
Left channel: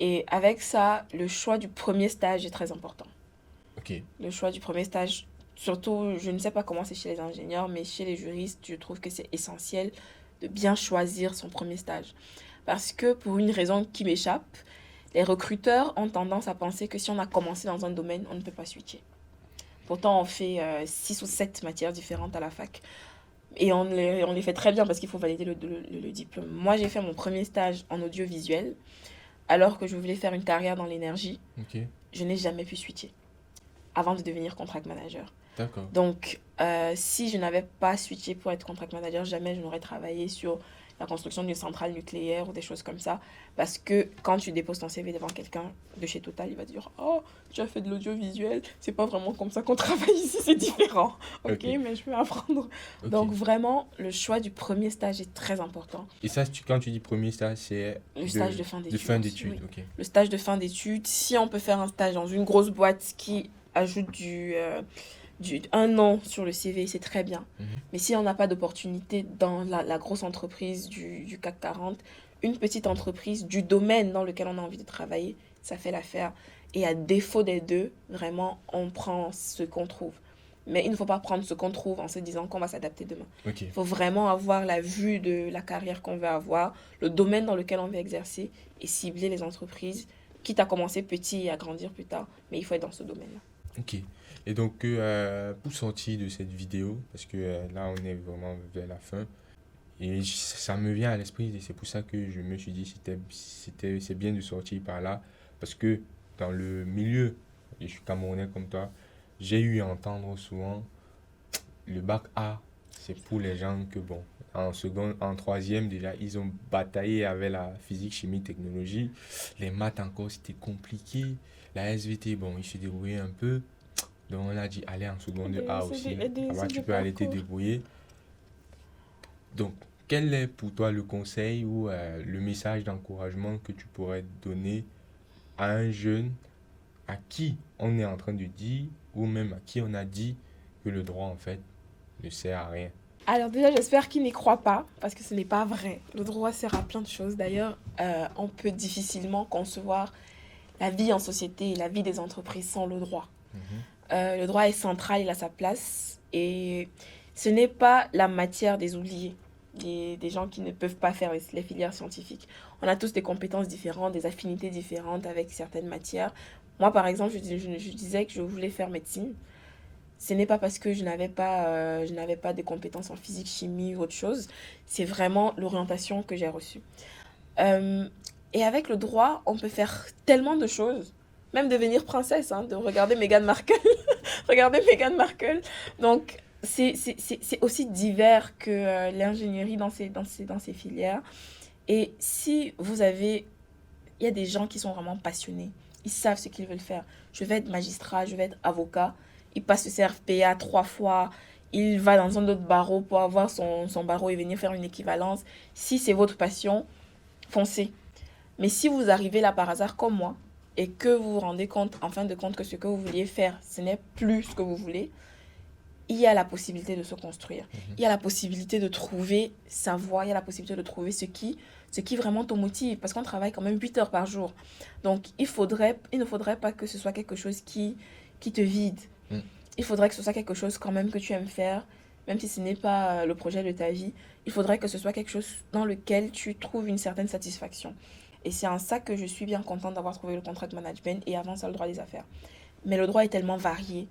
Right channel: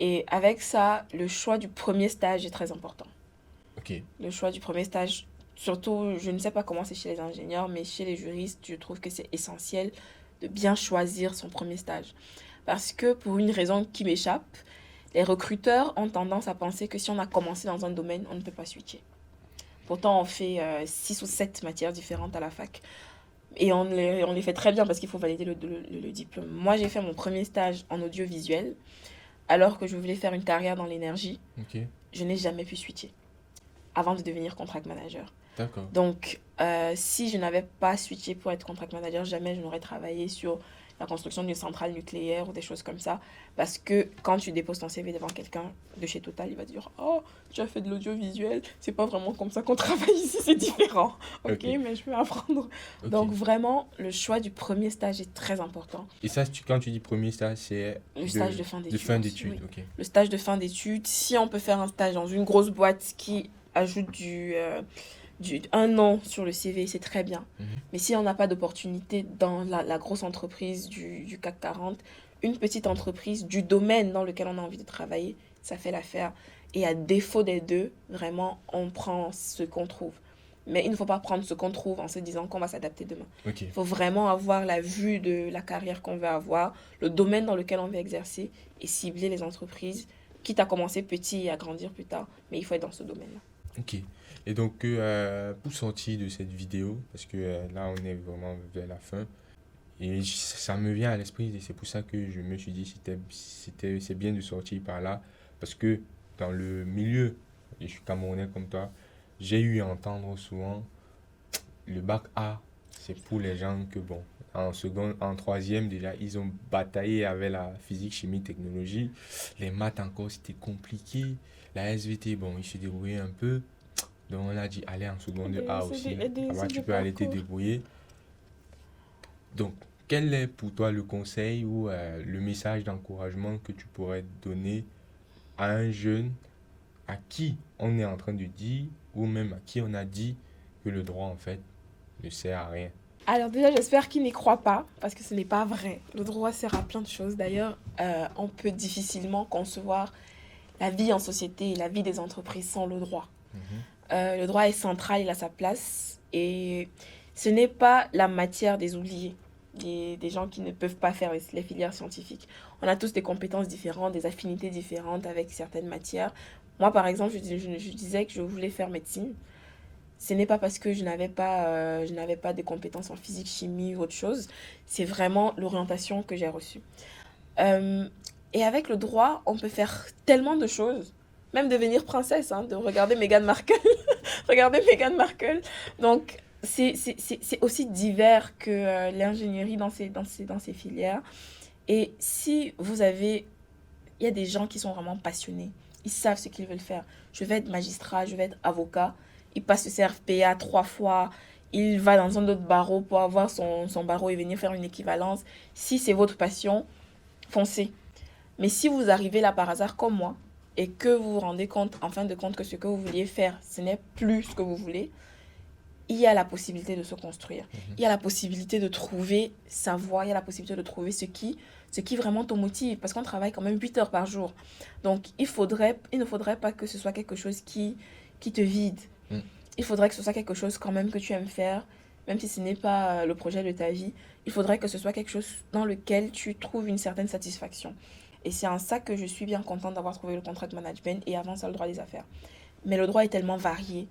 Et avec ça, le choix du premier stage est très important. Ok. Le choix du premier stage, surtout, je ne sais pas comment c'est chez les ingénieurs, mais chez les juristes, je trouve que c'est essentiel de bien choisir son premier stage. Parce que pour une raison qui m'échappe, les recruteurs ont tendance à penser que si on a commencé dans un domaine, on ne peut pas switcher. Pourtant, on fait 6 ou 7 matières différentes à la fac. Et on les fait très bien parce qu'il faut valider le diplôme. Moi, j'ai fait mon premier stage en audiovisuel, alors que je voulais faire une carrière dans l'énergie. Ok. je n'ai jamais pu switcher avant de devenir contract manager. D'accord. Donc, si je n'avais pas switché pour être contract manager, jamais je n'aurais travaillé sur la construction d'une centrale nucléaire ou des choses comme ça. Parce que quand tu déposes ton CV devant quelqu'un de chez Total, il va dire « Oh, tu as fait de l'audiovisuel, c'est pas vraiment comme ça qu'on travaille ici, c'est différent. » Ok, mais je peux apprendre. Ok. Donc, vraiment, le choix du premier stage est très important. Et ça, quand tu dis premier stage, c'est Le stage de fin d'études. De fin d'études, Oui. ok. Le stage de fin d'études, si on peut faire un stage dans une grosse boîte qui ajoute un an sur le CV, c'est très bien. Mais si on n'a pas d'opportunité dans la grosse entreprise du CAC 40, une petite entreprise du domaine dans lequel on a envie de travailler, ça fait l'affaire. Et à défaut des deux, vraiment, on prend ce qu'on trouve. Mais il ne faut pas prendre ce qu'on trouve en se disant qu'on va s'adapter demain. Ok. Il faut vraiment avoir la vue de la carrière qu'on veut avoir, le domaine dans lequel on veut exercer et cibler les entreprises, quitte à commencer petit et à grandir plus tard. Mais il faut être dans ce domaine-là. Ok. Et donc, pour sortir de cette vidéo, parce que là, on est vraiment vers la fin, et ça me vient à l'esprit, et c'est pour ça que je me suis dit c'est bien de sortir par là, parce que dans le milieu, et je suis Camerounais comme toi, j'ai eu à entendre souvent le bac A, c'est pour les gens que, bon, en seconde, en troisième déjà, ils ont bataillé avec la physique, chimie, technologie. Les maths encore, c'était compliqué. La SVT, bon, ils se débrouillaient un peu. Donc on a dit, allez en seconde A aussi. Avant, tu peux aller te débrouiller. Donc, quel est pour toi le conseil ou le message d'encouragement que tu pourrais donner à un jeune à qui on est en train de dire, ou même à qui on a dit que le droit, en fait, ne sert à rien? Alors déjà, j'espère qu'il n'y croit pas, parce que ce n'est pas vrai. Le droit sert à plein de choses. D'ailleurs, on peut difficilement concevoir la vie en société et la vie des entreprises sans le droit. Le droit est central, il a sa place. Et ce n'est pas la matière des oubliés, des gens qui ne peuvent pas faire les filières scientifiques. On a tous des compétences différentes, des affinités différentes avec certaines matières. Moi, par exemple, je disais que je voulais faire médecine. Ce n'est pas parce que je n'avais pas de compétences en physique, chimie ou autre chose. C'est vraiment l'orientation que j'ai reçue. Et avec le droit, on peut faire tellement de choses. Même devenir princesse, de regarder Meghan Markle. Regarder Meghan Markle. Donc, c'est aussi divers que l'ingénierie dans ces filières. Et si vous avez... Il y a des gens qui sont vraiment passionnés. Ils savent ce qu'ils veulent faire. Je vais être magistrat, je vais être avocat. Il passe le CRFPA 3 fois. Il va dans un autre barreau pour avoir son barreau et venir faire une équivalence. Si c'est votre passion, foncez. Mais si vous arrivez là par hasard comme moi et que vous vous rendez compte, en fin de compte, que ce que vous vouliez faire, ce n'est plus ce que vous voulez, il y a la possibilité de se construire. Il y a la possibilité de trouver sa voie. Il y a la possibilité de trouver ce qui vraiment te motive. Parce qu'on travaille quand même 8 heures par jour. Donc, il ne faudrait pas que ce soit quelque chose qui te vide. Il faudrait que ce soit quelque chose quand même que tu aimes faire, même si ce n'est pas le projet de ta vie. Il faudrait que ce soit quelque chose dans lequel tu trouves une certaine satisfaction. Et c'est en ça que je suis bien contente d'avoir trouvé le contract management et avant ça le droit des affaires. Mais le droit est tellement varié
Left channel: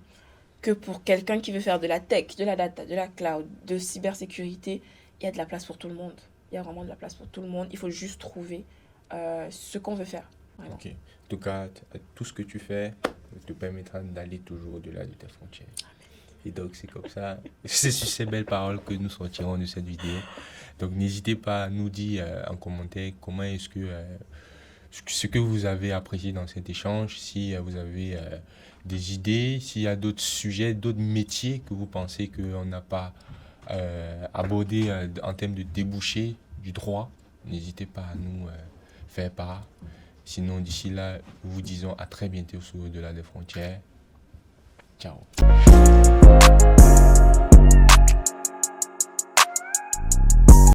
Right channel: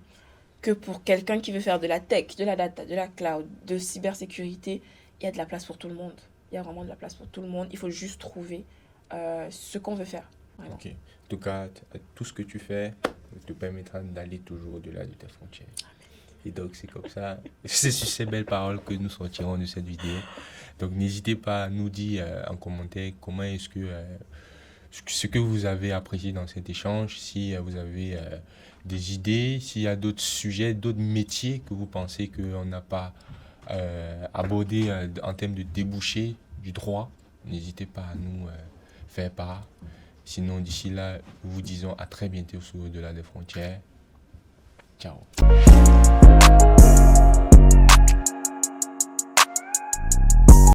que pour quelqu'un qui veut faire de la tech, de la data, de la cloud, de cybersécurité, il y a de la place pour tout le monde. Il y a vraiment de la place pour tout le monde. Il faut juste trouver ce qu'on veut faire. Vraiment. Ok. En tout cas, tout ce que tu fais te permettra d'aller toujours au-delà de tes frontières. Et donc, c'est comme ça. C'est sur ces belles paroles que nous sortirons de cette vidéo. Donc, n'hésitez pas à nous dire en commentaire comment est-ce que ce que vous avez apprécié dans cet échange, si vous avez des idées, s'il y a d'autres sujets, d'autres métiers que vous pensez qu'on n'a pas abordé en termes de débouchés du droit, n'hésitez pas à nous faire part. Sinon, d'ici là, nous vous disons à très bientôt sur Au-delà des frontières. Ciao.